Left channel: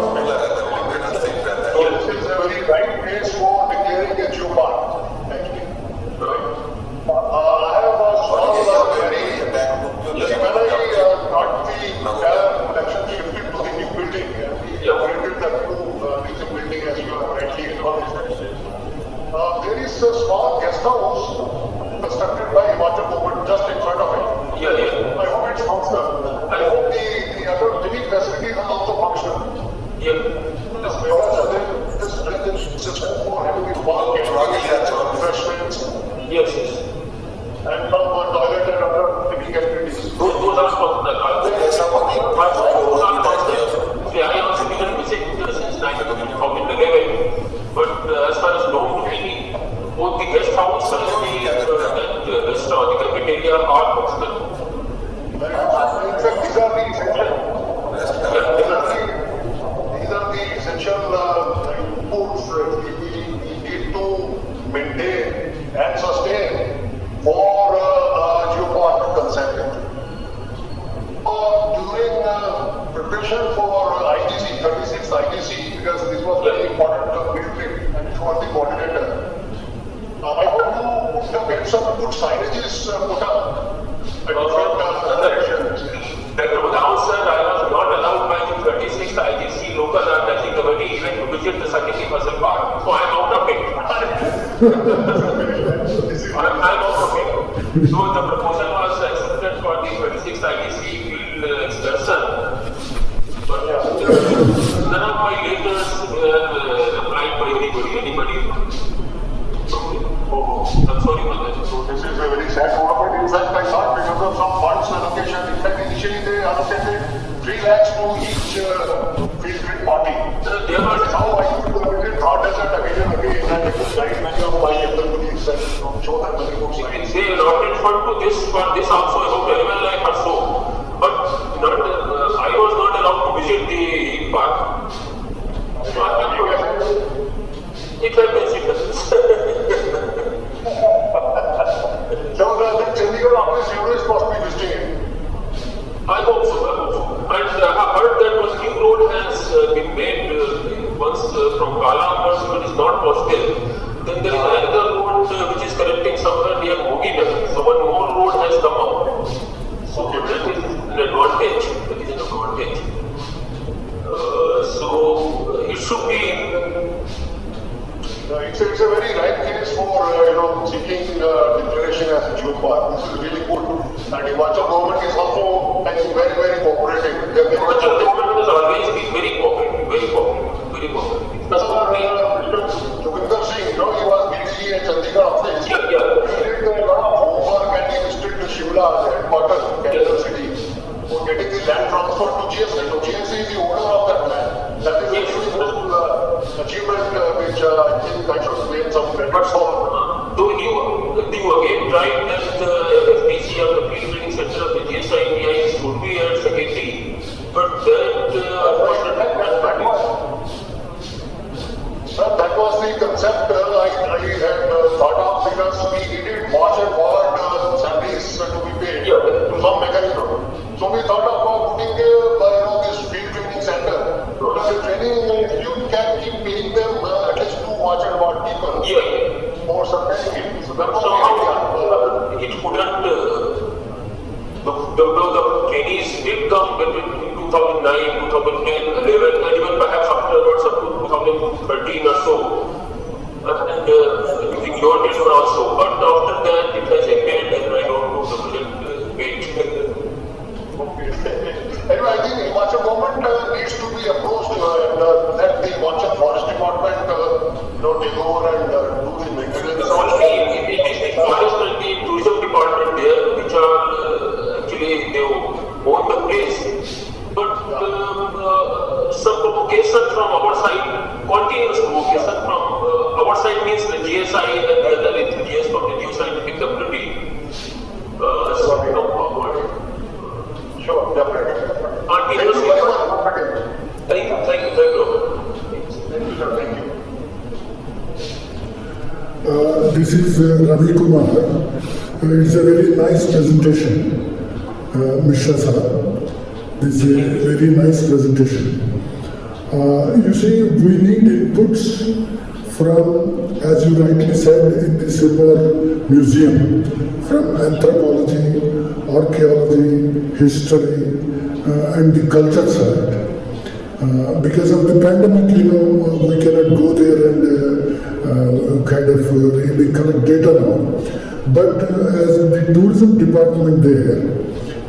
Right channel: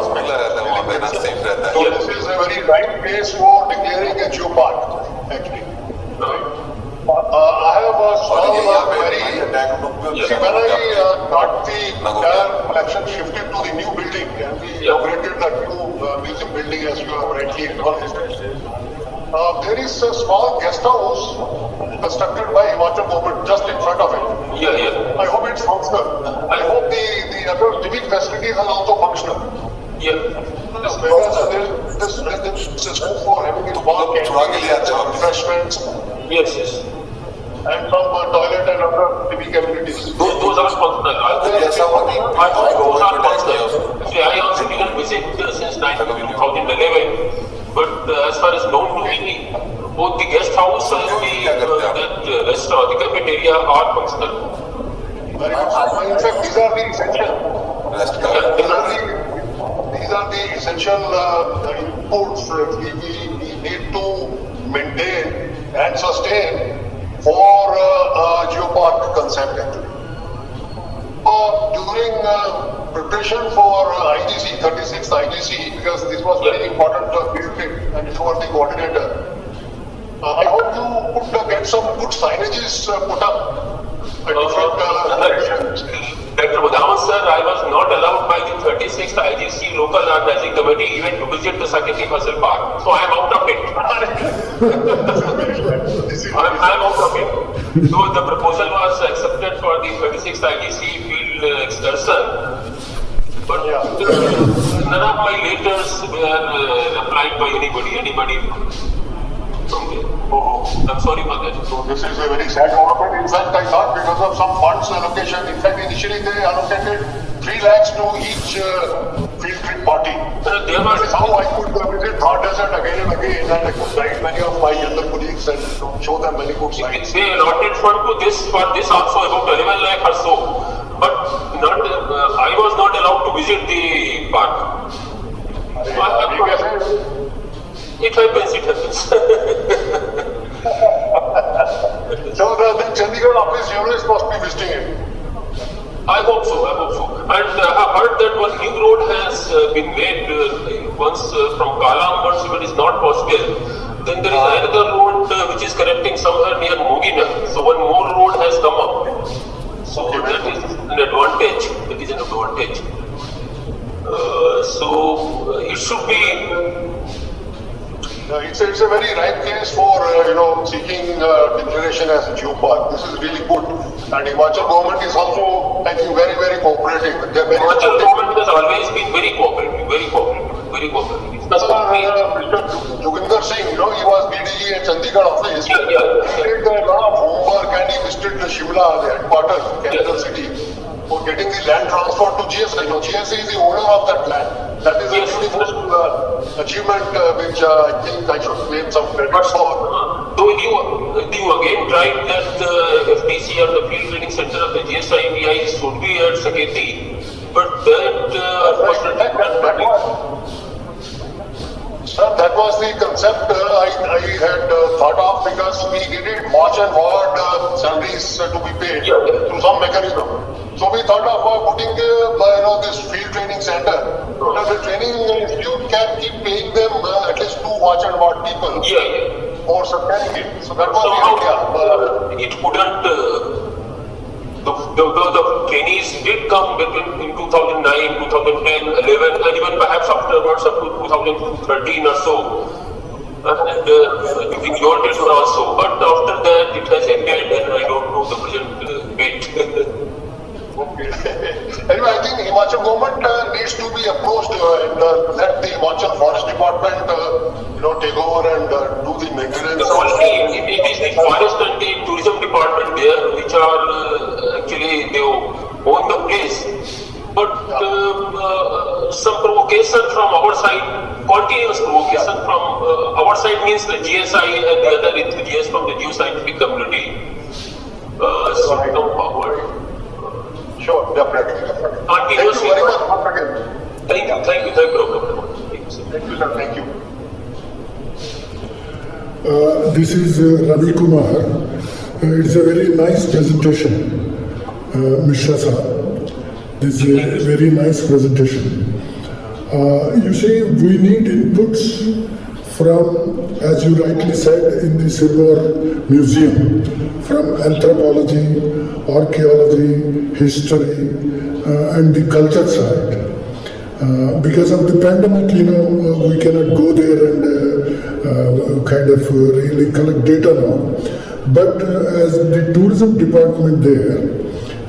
prospect. So this is a very right place for declaring a geopark, actually. I have a small query. See, when I got the entire collection shifted to the new building and we inaugurated that new museum building, as you have rightly acknowledged, there is a small guest house constructed by Himachal government just in front of it. I hope it's functional. I hope the other civic facilities are also functional. Because this is home for having a small canteen and some refreshments. Yes. And some toilet and other civic amenities. Those are functional. Those are functional. See, I also didn't visit since 2011. But as far as known to me, both the guest house and the restaurant, the cafeteria are functional. Very good. In fact, these are the essential. These are the essential inputs we need to maintain and sustain for geopark concept, actually. During preparation for IGC, 36th IGC, because this was very important field trip and you were the coordinator, I hope you could get some good signages put up at different locations. Dr. Budhawan sir, I was not allowed by the 36th IGC local organizing committee even to visit the Saketi Fasal Park. So I am out of it. I am out of it. So the proposal was accepted for the 36th IGC field excursion. But none of my letters were replied by anybody from there. I'm sorry for that. So this is a very sad development. In fact, I thought because of some funds allocation, in fact, initially they allocated 3 lakhs to each field trip party. That is how I could visit Thar Desert again and again, and I could guide many of my younger colleagues and show them many good sights. They allotted fund to this for this also about 11 lakh or so. But not, I was not allowed to visit the park. It happens. So then Chandigarh office journalists must be visiting it. I hope so. And I have heard that one new road has been made once from Kalam. Once if it is not possible, then there is another road which is connecting somewhere near Moginan. So one more road has come up. So that is an advantage. So it should be. It's a very right case for seeking declaration as a geopark. This is really good, and Himachal government is also, I think, very, very cooperative. Himachal government has always been very cooperative. Mr. Joginder Singh, he was BDG at Chandigarh office. He did a lot of homework and he visited the Shimla, the headquarters, capital city, for getting the land transferred to GSI. GSI is the owner of that land. That is a beautiful achievement which I think I should claim some credit for. So you again tried that the FTC or the Field Training Center of the GSITI should be at Saketi, but that was the concept I had thought of, because we needed march and ward salaries to be paid through some mechanism. So we thought of putting this field training center. The training institute can keep paying them at least 2 watch and ward people for sustaining it. So that was the idea. It couldn't. The trainees did come between in 2009, 2010, 11, and even perhaps afterwards up to 2013 or so. And during your tenure also. But after that, it has ended, and I don't know the present date. Okay. Anyway, I think Himachal government needs to be approached and let the Himachal Forest Department take over and do the maintenance. It is the forest and the tourism department there which are actually they own the place. But some provocation from our side, continuous provocation from our side means the GSI and the other enthusiasts from the geoscientific community should come forward. Sure, definitely. Thank you very much once again. Thank you, Dr. Budhawan. Thank you, sir. Thank you. This is Ravi Kumar. It's a very nice presentation, Mishra Sahab. This is a very nice presentation. You see, we need inputs from, as you rightly said, in the Sirvar Museum, from anthropology, archaeology, history, and the culture side. Because of the pandemic, we cannot go there and really collect data now. But as the tourism department there,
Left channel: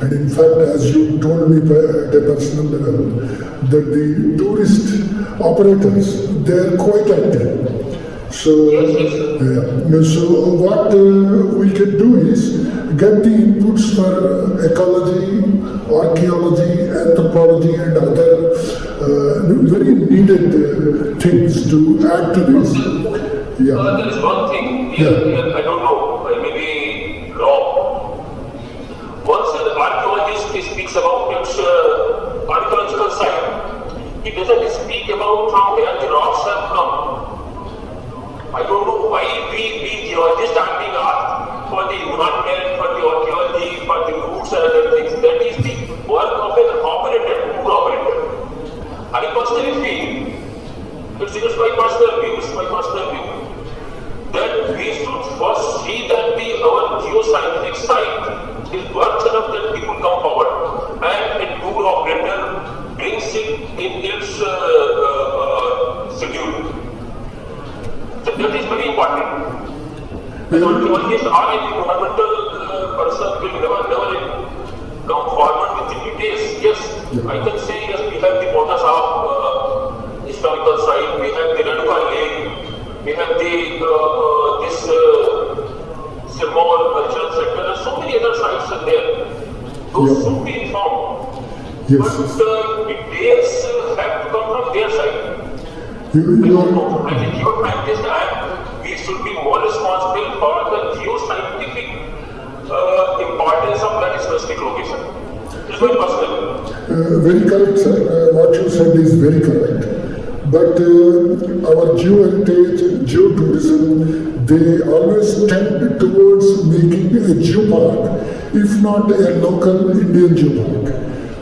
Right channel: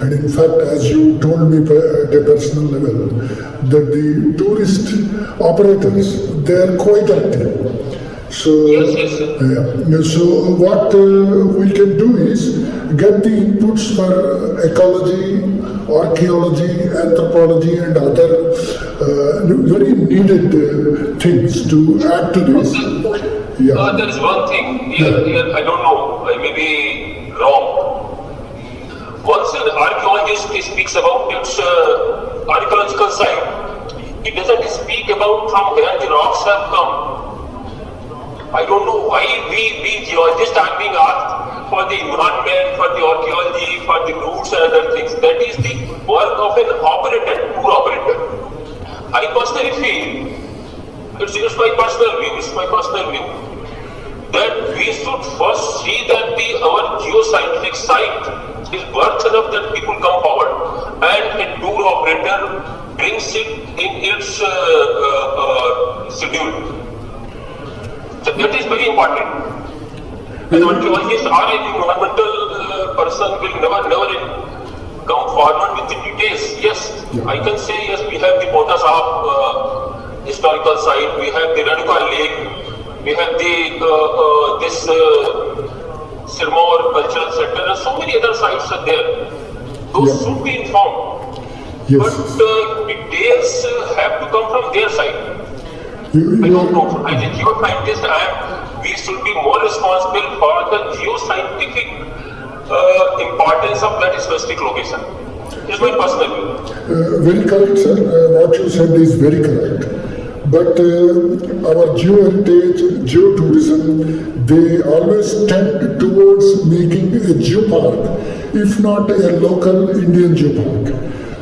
and in fact, as you told me at a personal level, that the tourist operators, they are quite active. So, so what we can do is get the inputs for ecology, archaeology, anthropology, and other very needed things to add to this. There is one thing here, I don't know, I may be wrong. Once an archaeologist speaks about its archaeological site, he doesn't speak about from where the rocks have come. I don't know why we geologists are being asked for the environment, for the archaeology, for the roots and other things. That is the work of an operator, tour operator. I personally feel, it's my personal view, that we should first see that our geoscientific site is worth enough that people come forward, and a tour operator brings it in its schedule. So that is very important. An archaeologist or an environmental person will never come forward with the details. Yes, I can say yes, we have the Ponta Sahib historical site, we have the Renuka Lake, we have the this Sirmaur Cultural Center, and so many other sites are there. Those should be informed. Yes. But details have to come from their side. I don't know. As a geoscientist, we should be more responsible for the geoscientific importance of that specific location. It's my personal view. Very correct, sir. What you said is very correct. But our geo-heritage, geotourism, they always tend towards making a geopark, if not a local Indian geopark.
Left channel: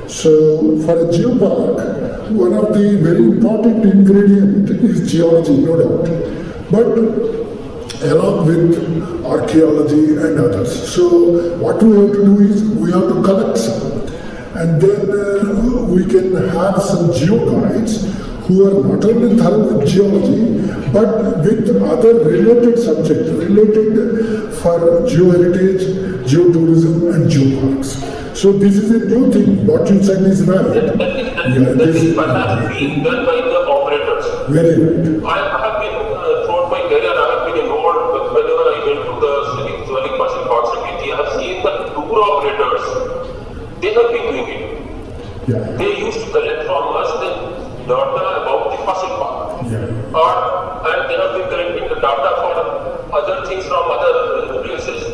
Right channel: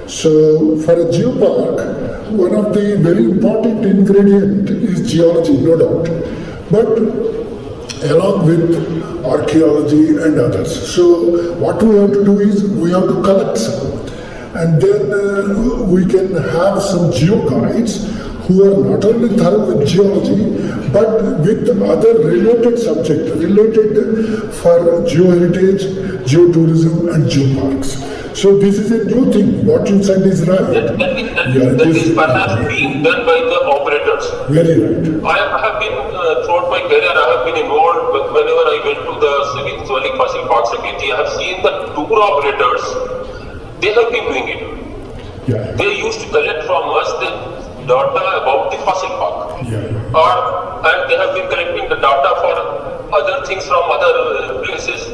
So for a geopark, one of the very important ingredient is geology, no doubt. But along with archaeology and others. So what we have to do is we have to collect some. And then we can have some geo guides who are not only thorough with geology, but with other related subjects, related for geoheritage, geotourism and geoparks. So this is a new thing. What you said is right. That is perhaps being done by the operators. Very right. I have been, throughout my career, I have been involved whenever I went to the Shivalik Fossil Park Security. I have seen the tour operators, they have been doing it. They used to collect from us the data about the fossil park. And they have been collecting the data for other things from other places.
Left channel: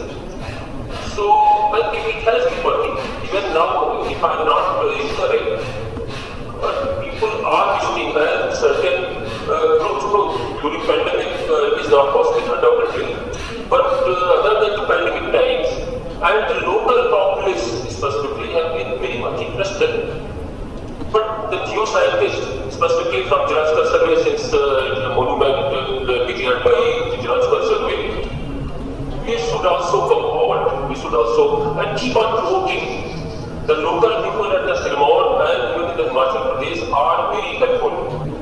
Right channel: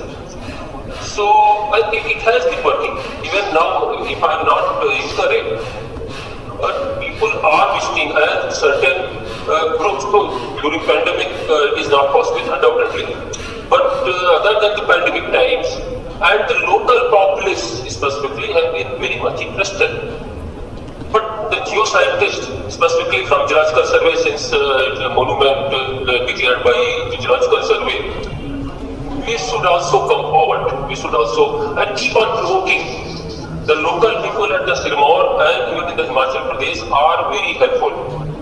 So it has been working. Even now, if I am not incorrect, people are visiting, and certain groups during pandemic it is not possible, undoubtedly. But other than the pandemic times, and the local populace specifically have been very much interested. But the geoscientists, specifically from Geological Survey, since it's a monument declared by the Geological Survey, we should also come forward. We should also keep on provoking. The local people at the Sirmaur and even in the Himachal Pradesh are very helpful.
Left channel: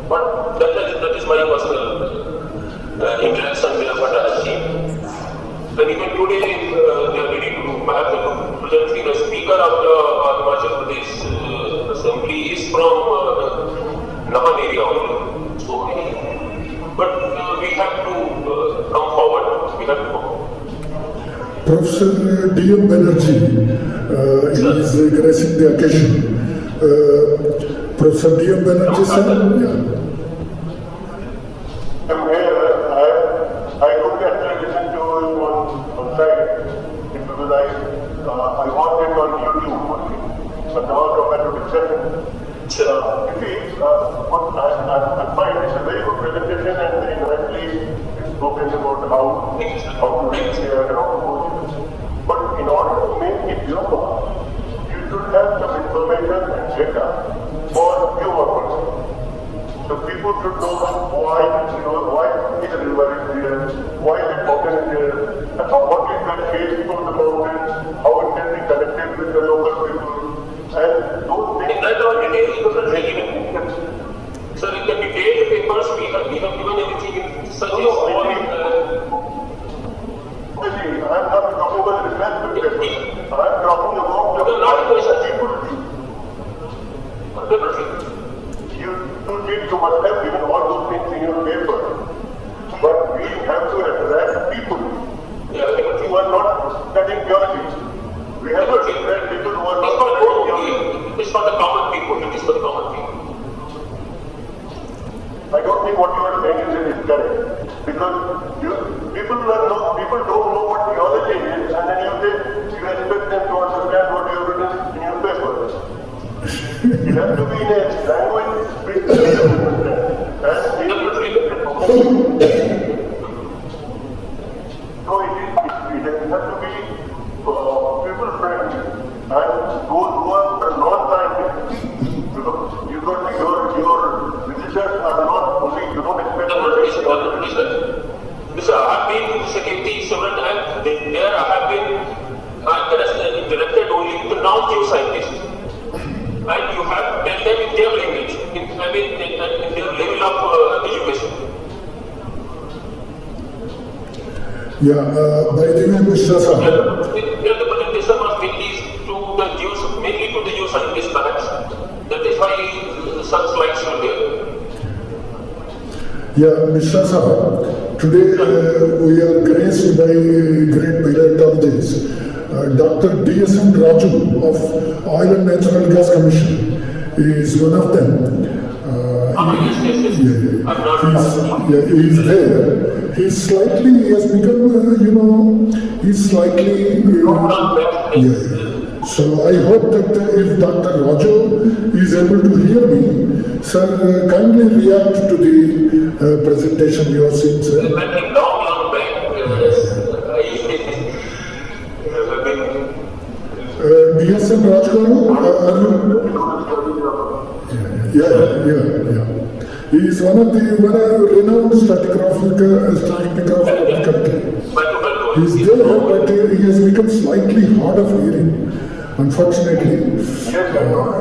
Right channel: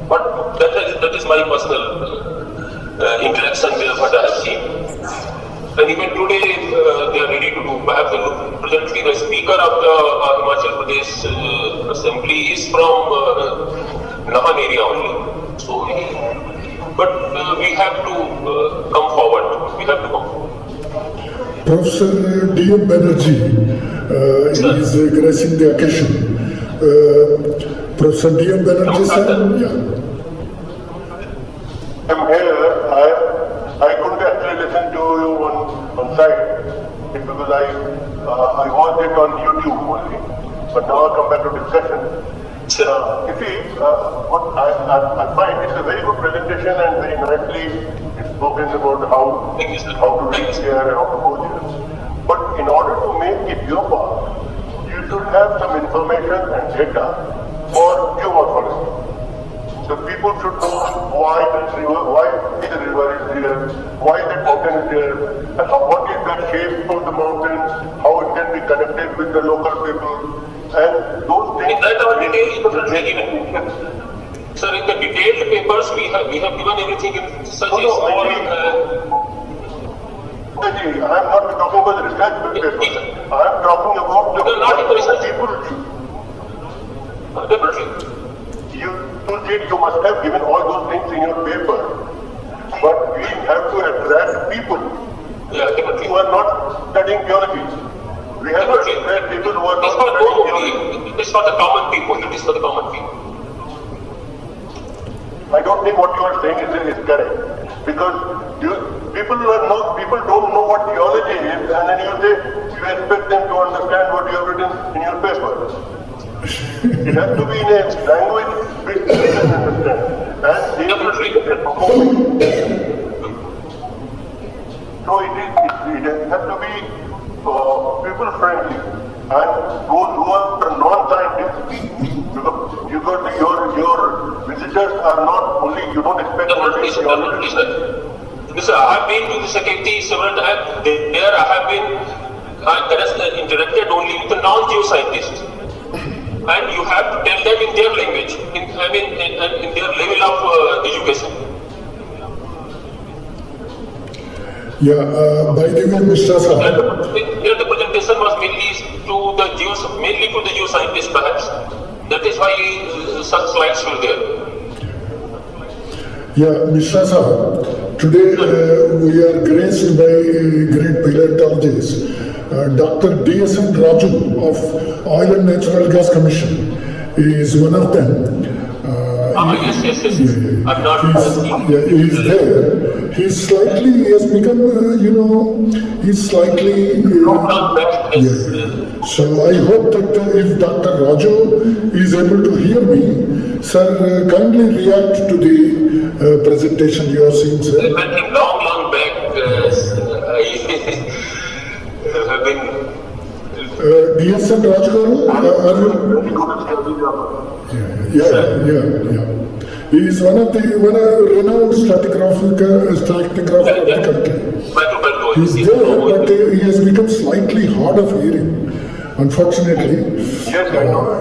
But that is my personal interaction there, what I have seen. And even today, they are ready to do. Perhaps presently, the speaker of the Himachal Pradesh Assembly is from Nahan area only. So, but we have to come forward. We have to come forward. Professor D.M. Banerjee is gracing the occasion. Professor D.M. Banerjee, sir? Yeah. I'm here. I couldn't actually listen to you on site because I watched it on YouTube only. But now I come back to discussion. You see, what I find it's a very good presentation and very nicely spoken about how to reach there and how to go there. But in order to make it geopark, you should have some information and data for geomorphology. the people should know why the river is there, why that mountain is there, and what is the shape of the mountain, how it can be connected with the local people, and those things. In that all details differently given. Sir, in the detailed papers, we have given everything in such a small. I am not talking about the research papers. I am talking about the No, not in the research. people should. Definitely. You said you must have given all those things in your paper, but we have to attract people Yeah, definitely. who are not studying theology. We have to attract people who are It's not for studying those theology. only. It is for the common people. It is for the common people. I don't think what you are saying is correct, because people don't know what theology is, and then you say you expect them to understand what you have written in your paper. It has to be in a language which they can understand, and they will be performing. So it has to be people friendly, and those who are non-scientists, because your visitors are not only, you don't expect only Definitely, sir. Listen, I have been to the Saketi several times. There I have been interacted only with the non-Jew scientists. And you have to tell them in their language, in their level of education. Yeah, by the way, Mr. Sahab, Here the presentation was mainly to the Jew scientists perhaps. That is why such slides were there. yeah, Mr. Sahab, today we are graced by a great paleontologist, Dr. D.S.N. Raju of Oil and Natural Gas Commission is one of them. Yes. Yeah. I'm not. He's there. He has become, he's slightly. Not back. Yeah. So I hope that if Dr. Raju is able to hear me, sir, kindly react to the presentation you are seeing, sir. I met him long back. I have been. DSN Rajgaru, are you? very good stratigrapher. Yeah. He is one of the renowned stratigrapher of the country. He's there, but he has become slightly hard of hearing, unfortunately. Yes, I know.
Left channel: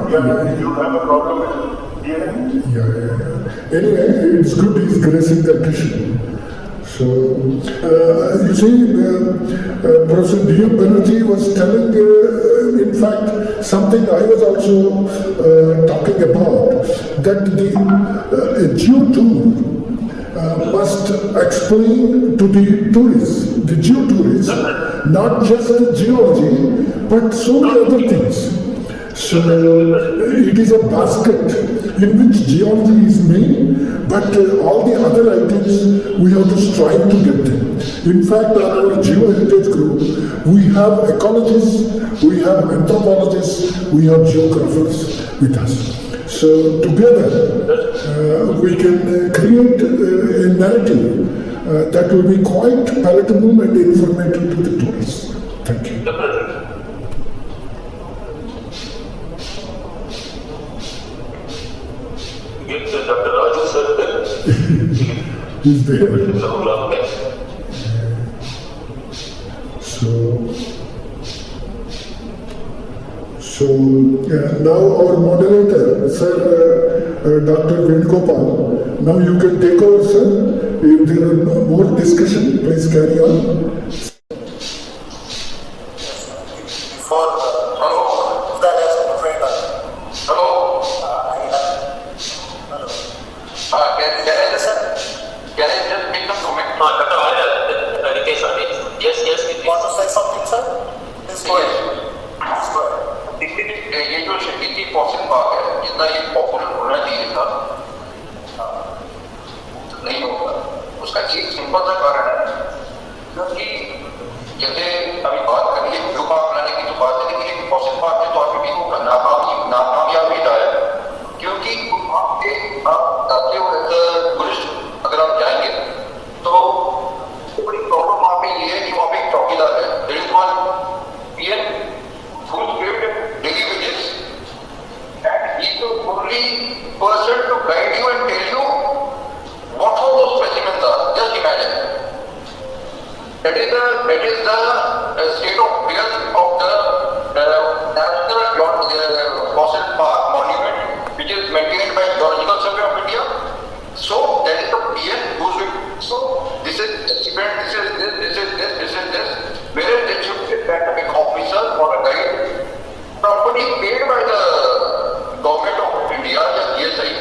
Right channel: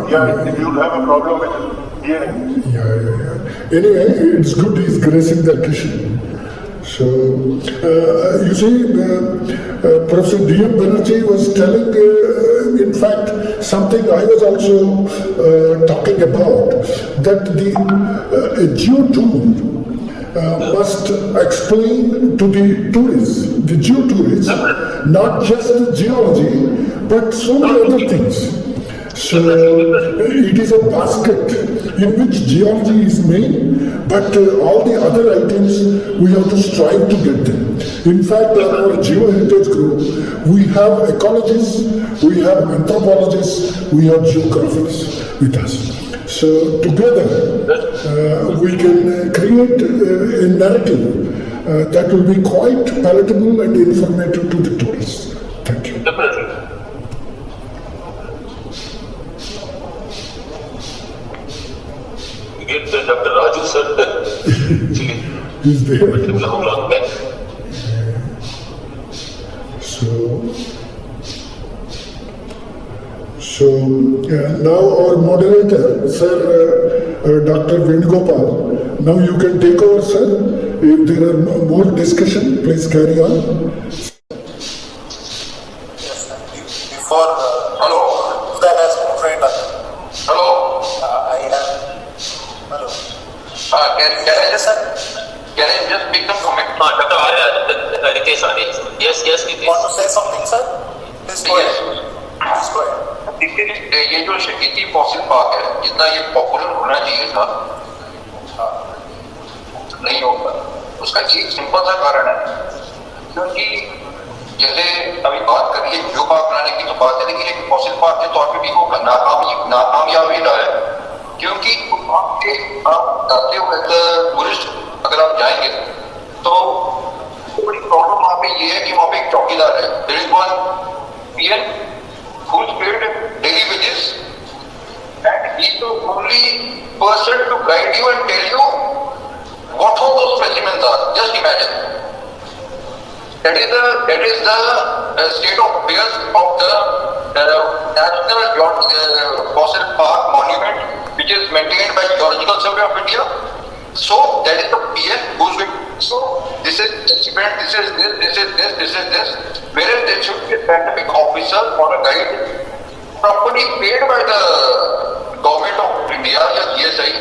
If you have a problem with hearing. Yeah. Anyway, it's good he's gracing the occasion. So, you see, Professor D.M. Banerjee was telling, in fact, something I was also talking about, that the geotour must explain to the tourists, the geotourists, not just geology, but so many other things. So, it is a basket in which geology is main, but all the other items we have to strive to get them. In fact, on our GeoHeritage group, we have ecologists, we have anthropologists, we have geographers with us. So together, we can create a narrative that will be quite palatable and informative to the tourists. Thank you. Definitely. Get Dr. Raju sir. Actually. He's there. Long back. So now our moderator, Sir Dr. Venugopal, now you can take over, sir. If there are more discussion, please carry on. Before Hello. that as moderator, Hello. I have. Hello. Can I just make some comment? Dr. Arya, Ritesh Arya. Yes, Ritesh. Want to say something, sir? Please go ahead. Please go ahead. देखिए ये जो शकीती fossil park है, जितना ये popular होना चाहिए था, नहीं होता। उसका एक सिंपल सा कारण है, क्योंकि जैसे अभी बात कर रही है जियो पार्क बनाने की, तो बात है, लेकिन एक फॉसिल पार्क के तौर पे भी वो नाकामयाबी रहा है, क्योंकि आप जाते हो टूरिस्ट, अगर आप जाएंगे तो बड़ी प्रॉब्लम वहाँ पे ये है कि वहाँ पे एक चौकीदार है, there is one PN who's paid daily wages, and he is the only person to guide you and tell you what all those specimens are. Just imagine. That is the state of affairs of the National Fossil Park Monument, which is maintained by Geological Survey of India. So that is the PN who's going. So this is experiment, this is this. Whereas there should be a scientific officer or a guide properly paid by the government of India or GSI,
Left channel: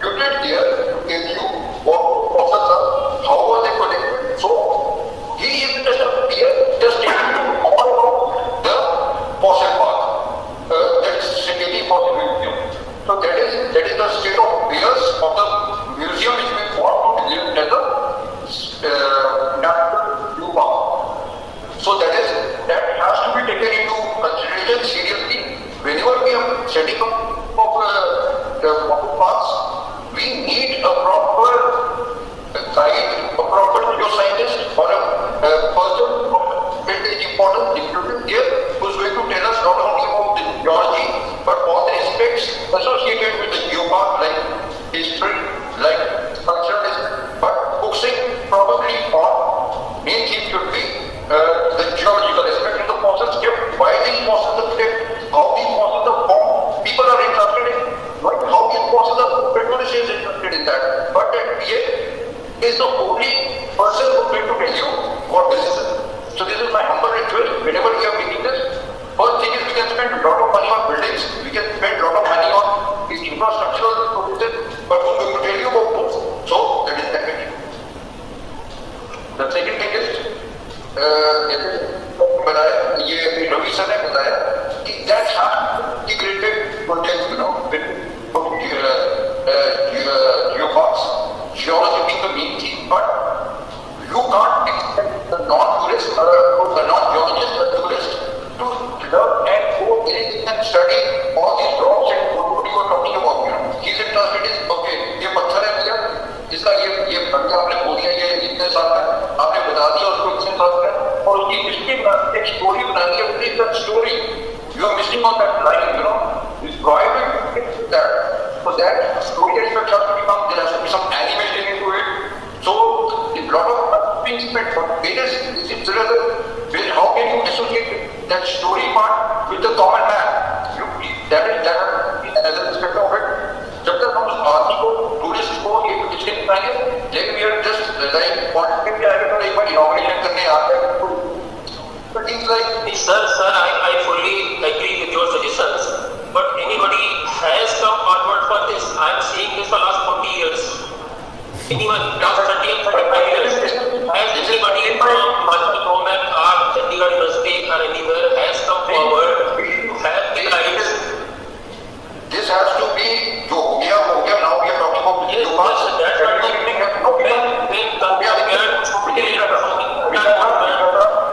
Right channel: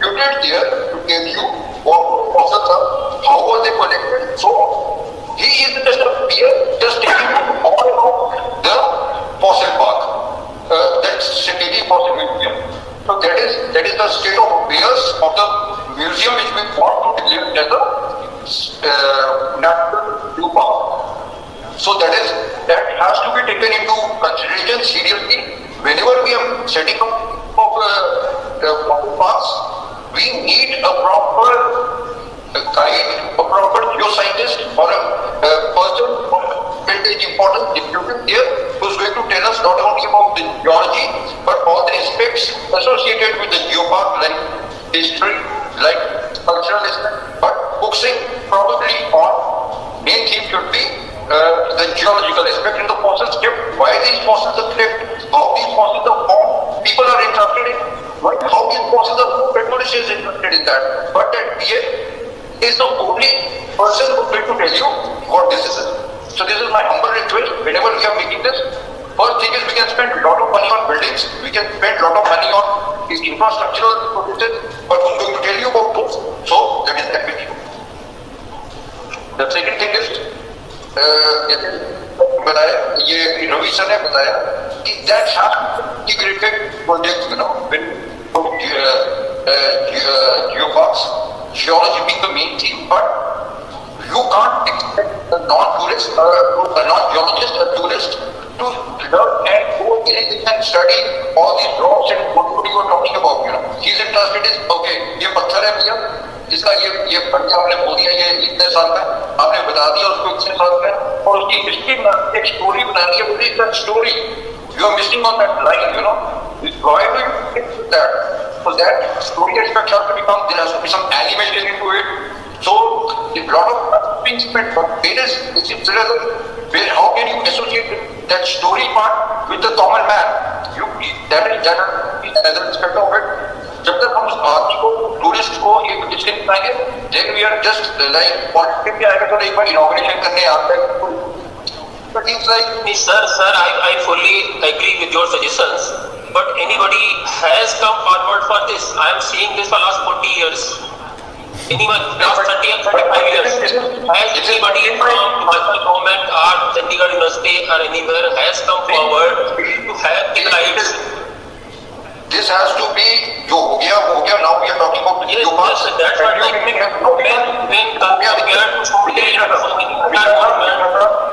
deputed there to tell you what fossils are, how were they collected, so on. He is just a peer, just telling you all about the fossil park, that Secretary Fossil Museum. So that is the state of affairs of the museum which we want to declare as a national zoo park. So that has to be taken into consideration seriously whenever we are setting up fossil parks. We need a proper guide, a proper geoscientist, or a person of vintage importance deputed here who's going to tell us not only about the geology but all the aspects associated with the geopark, like history, like cultural aspect, but focusing probably on main theme should be the geological aspect in the fossils kept, why these fossils are kept, how these fossils are formed. People are interested in how these fossils are formed. Petrolis is interested in that, but that PA is the only person who is going to tell you what this is. So this is my humble request. Whenever we are making this, first thing is we can spend a lot of money on buildings, we can spend a lot of money on these infrastructural processes, but who's going to tell you about those? So that is that video. The second thing is, जैसे बताया, ये Ravi sir ने बताया कि that has integrated projects, when geoparks, geology being the main theme, but you can't expect a non-tourist, a non-geologist, a tourist to learn and go in and study all these rocks and what you are talking about. He's interested in, okay, ये पत्थर है भैया, इसका ये बढ़िया आपने बोल दिया, ये इतने साल का, आपने बता दिया उसको इतने साल का, और उसकी हिस्ट्री बनानी है, एक स्टोरी बनानी है. What is that story? You are missing on that line. Why do you get to that? So that story aspect has to become, there has to be some animation into it. So a lot of things spent, but how can you associate that story part with the common man? That is another aspect of it. जब तक हम उस आदमी को, tourist को एक इसके बनाएंगे, then we are just like politics पे आएगा, चलो एक बार इनॉग्रेशन करने आता है. But things like sir, I fully agree with your suggestions, but anybody has come forward for this. I am seeing this for last 40 years. Anyone, last 30 and 35 years, has anybody from Himachal government or Chandigarh University or anywhere has come forward to have the rights? This has to be, जो हो गया वो हो गया. Now we are talking about the geoparks. Yes, that's what I mean. When compared to so many other governments,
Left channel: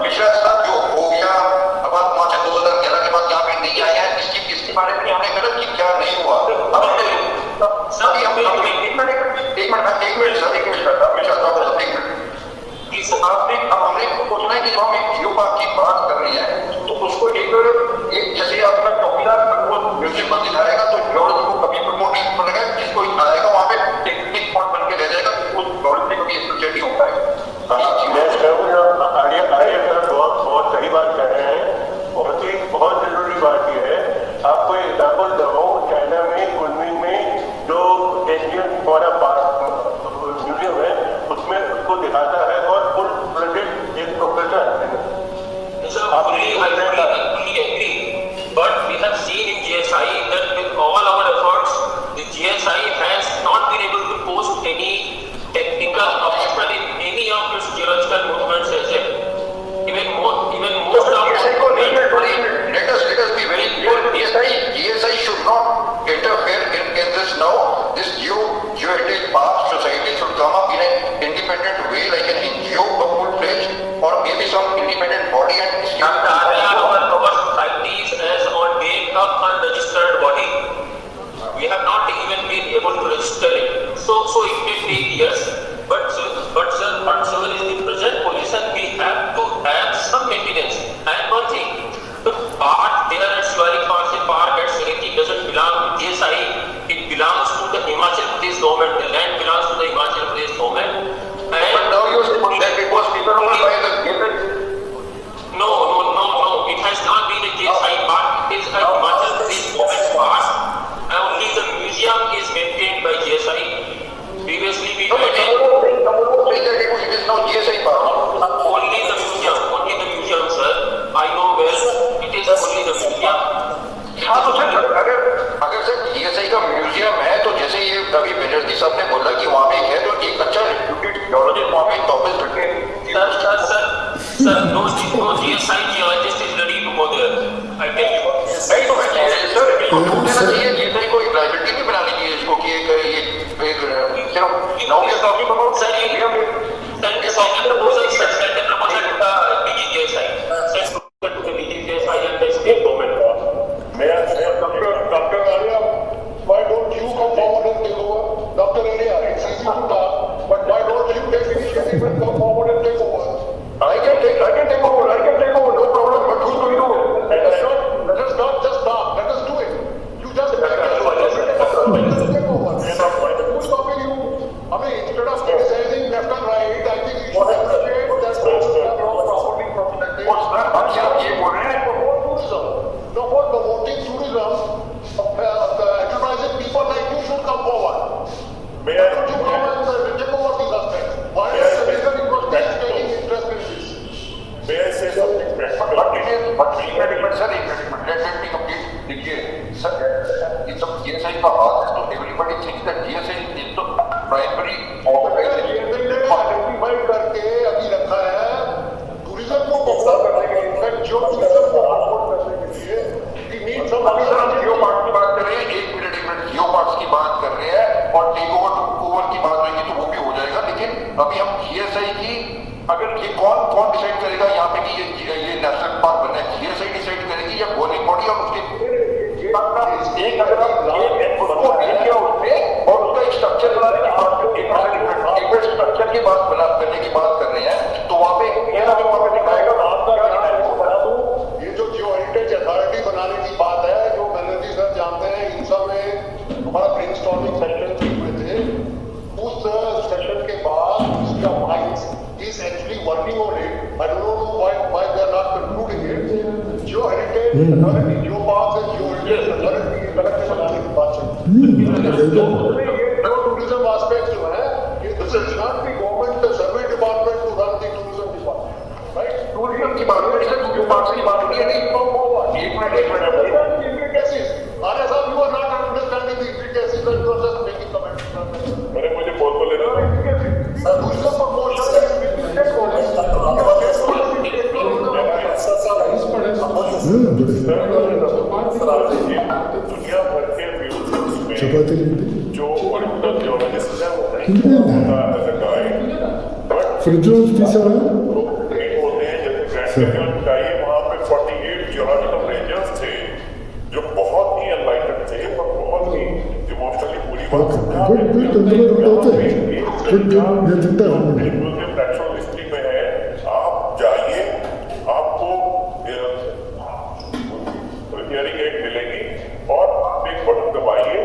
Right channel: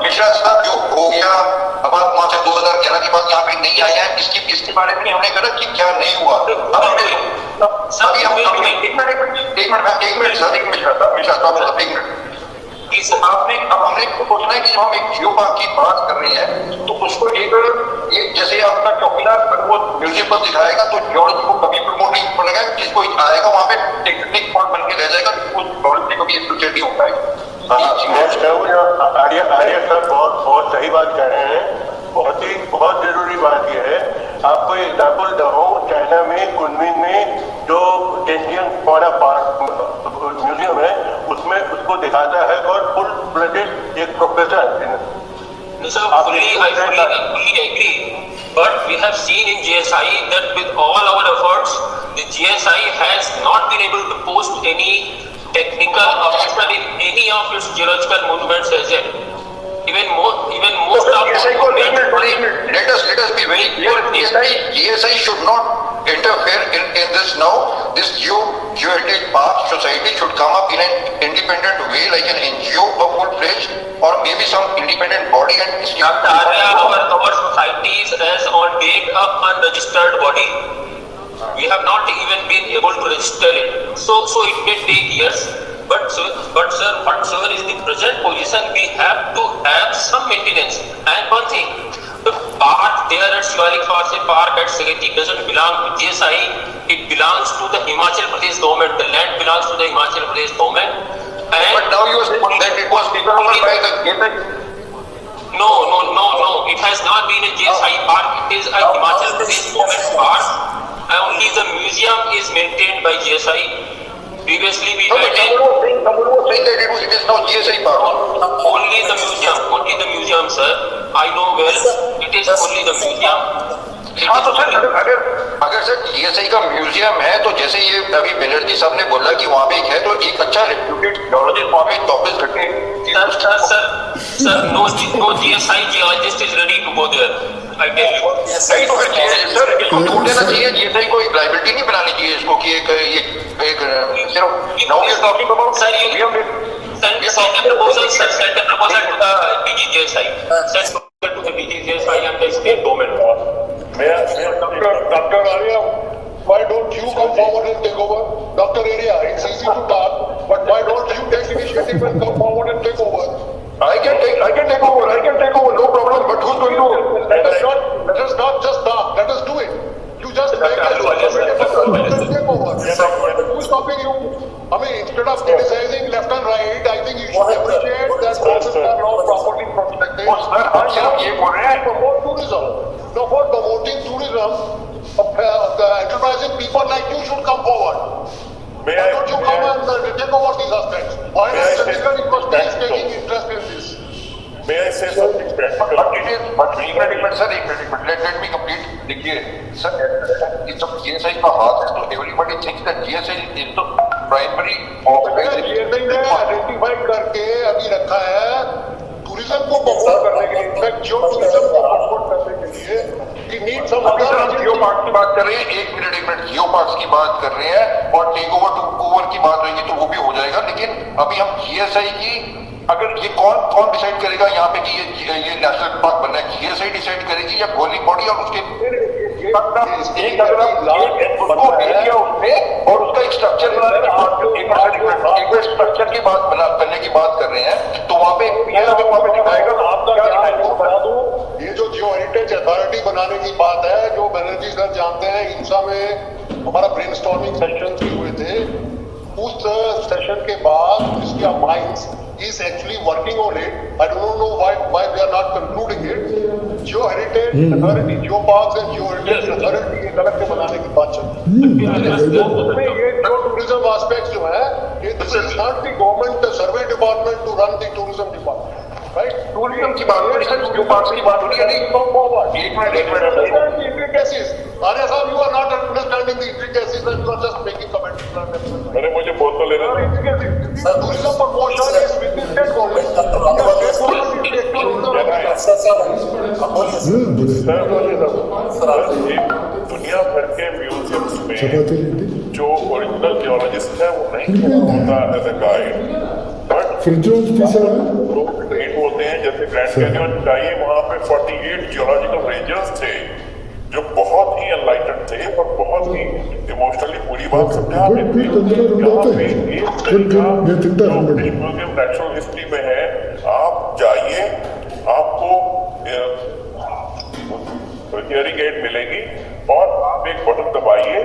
Mishra साहब जो हो गया, अब आप वहाँ से 2011 के बाद यहाँ पे नहीं आए हैं, इसके बारे में हमने कहा कि क्या नहीं हुआ. अब हमने अभी हम एक मिनट अब हमने सोचना है कि जब हम एक जियोपार्क की बात कर रहे हैं तो उसको एक जैसे आपका चौकीदार अगर वो म्यूजियम पर दिखाएगा तो जियोलॉजी को कभी प्रमोट नहीं करेगा. जिसको आएगा वहाँ पे टेक्निक पॉइंट बन के रह जाएगा, जियोलॉजी से कभी एसोसिएट नहीं हो पाएगा. आर्य साहब बहुत सही बात कह रहे हैं. बहुत जरूरी बात यह है. आपको एग्जाम्पल दो, चाइना में कुनमिंग में जो टेंजियन फॉरा पार्क म्यूजियम है उसमें उसको दिखाता है और फुल प्रोजेक्ट एक professor. I fully agree, but we have seen in GSI that with all our efforts, the GSI has not been able to post any technical officer in any of its geological monuments as yet. Even most of let us be very clear. GSI should not interfere in this now. This Geoheritage Park Society should come up in an independent way, like an NGO, a full-fledged, or maybe some independent body. And our society is as on date a unregistered body. We have not even been able to register it. So it may take years. But sir, whatsoever is the present position, we have to have some maintenance. And one thing, the part there at Shivalik Fossil Park at Sageti doesn't belong to GSI. it belongs to the Himachal Pradesh government. The land belongs to the Himachal Pradesh government. And But now you are saying that it was taken over by the GSI. No. It has not been a GSI park. It is a Himachal Pradesh government park. Only the museum is maintained by GSI. Previously, we No, but had someone was saying that it is now GSI park. only the museum, sir. I know well. It is only the museum. हाँ तो sir अगर sir GSI का museum है तो जैसे ये अभी बनर्जी साहब ने बोला कि वहाँ पे एक है तो एक अच्छा रेप्यूटेड जियोलॉजिस्ट वहाँ पे 24 घंटे Sir, no GSI geologist is ready to go there. I tell you. नहीं तो फिर सर इसको छोड़ देना चाहिए GSI को एक लाइबिलिटी नहीं बनानी चाहिए इसको कि एक सिर्फ now we are talking about Sir, you send a proposal, sir. Send a proposal to the DGGSI. Send proposal to the DGGSI and the state government. Dr. Arya, why don't you come forward and take over? Dr. Arya, it's easy to talk, but why don't you take initiative and come forward and take over? I can take over, no problem. But who's going to? Let us not just talk. Let us do it. You just make a proposal and take over. Who's stopping you? I mean, instead of criticizing left and right, I think you should appreciate that processes are now properly protected. हम सिर्फ ये बोल रहे हैं Promote tourism. No, for promoting tourism, the enterprising people like you should come forward. May Why I- don't you may come I- and take over these aspects? Why May not I say Chandigarh something University is practical? taking interest in this? May I say something practical? But it is, but एक minute sir एक minute let me complete. देखिए sir जब GSI का हाथ है तो everybody thinks that GSI is the primary organization. GSI ने identify करके अभी रखा है टूरिज्म को प्रमोट करने के लिए, इनफैक्ट जियो टूरिज्म को प्रमोट करने के लिए we need some अभी सर हम other जियो पार्क की बात कर रहे हैं एक मिनट जियो पार्क्स की बात कर रहे हैं और टेक ओवर की बात होगी तो वो भी हो जाएगा लेकिन अभी हम GSI की अगर ये कौन डिसाइड करेगा यहाँ पे कि ये नेशनल पार्क बनना है GSI डिसाइड करेगी या गवर्निंग बॉडी और उसके एक अगर आप उसको दे दिया उसने और उसका एक स्ट्रक्चर बनाने की बात एक स्ट्रक्चर की बात करने की बात कर रहे हैं तो वहाँ पे वहाँ पे दिखाएगा आपका क्या है वो बता दूं, ये जो जियो हेरिटेज अथॉरिटी बनाने की बात है जो बनर्जी सर जानते हैं, इंसा में हमारा ब्रेनस्टॉर्मिंग सेशंस भी हुए थे। उस सेशन के बाद ministry of mines is actually working on it. I don't know why they are not concluding it. Geo Heritage Authority, Geo Parks and Geo Heritage Authority एक अलग से बनाने की बात चल रही है। उसमें ये जो टूरिज्म एस्पेक्ट्स जो है, ये this is not the government survey department to run the tourism department, right? Tourism की बात हो रही है सर जियो पार्क्स की बात हो रही है नहीं Come forward. एक minute Understand the intricacies. Arya साहब, you are not understanding the intricacies and you are just making comments. अरे मुझे बोल तो लेने दो। Tourism promotion is with the state government. The state government is the actual owner of the land. हाँ बड़े sir ये दुनिया भर के म्यूजियम्स में चपाती लिट्टी जो ओरिजिनल जियोलॉजिस्ट है वो नहीं खड़ा होता एज ए गाइड बट फ्रिज पिसा है लोग ट्रेंड होते हैं जैसे ग्रैंड कैनियन जाइए वहां पे 48 जियोलॉजिकल रेंजर्स थे जो बहुत ही एनलाइटेड थे और बहुत ही इमोशनली पूरी बात समझा गुड गुड अंदर रुंड होते हैं गुड गुड ये तिंटा रुंड म्यूजियम नेचुरल हिस्ट्री में है आप जाइए आपको हियरिंग एड मिलेगी और आप एक बटन दबाइए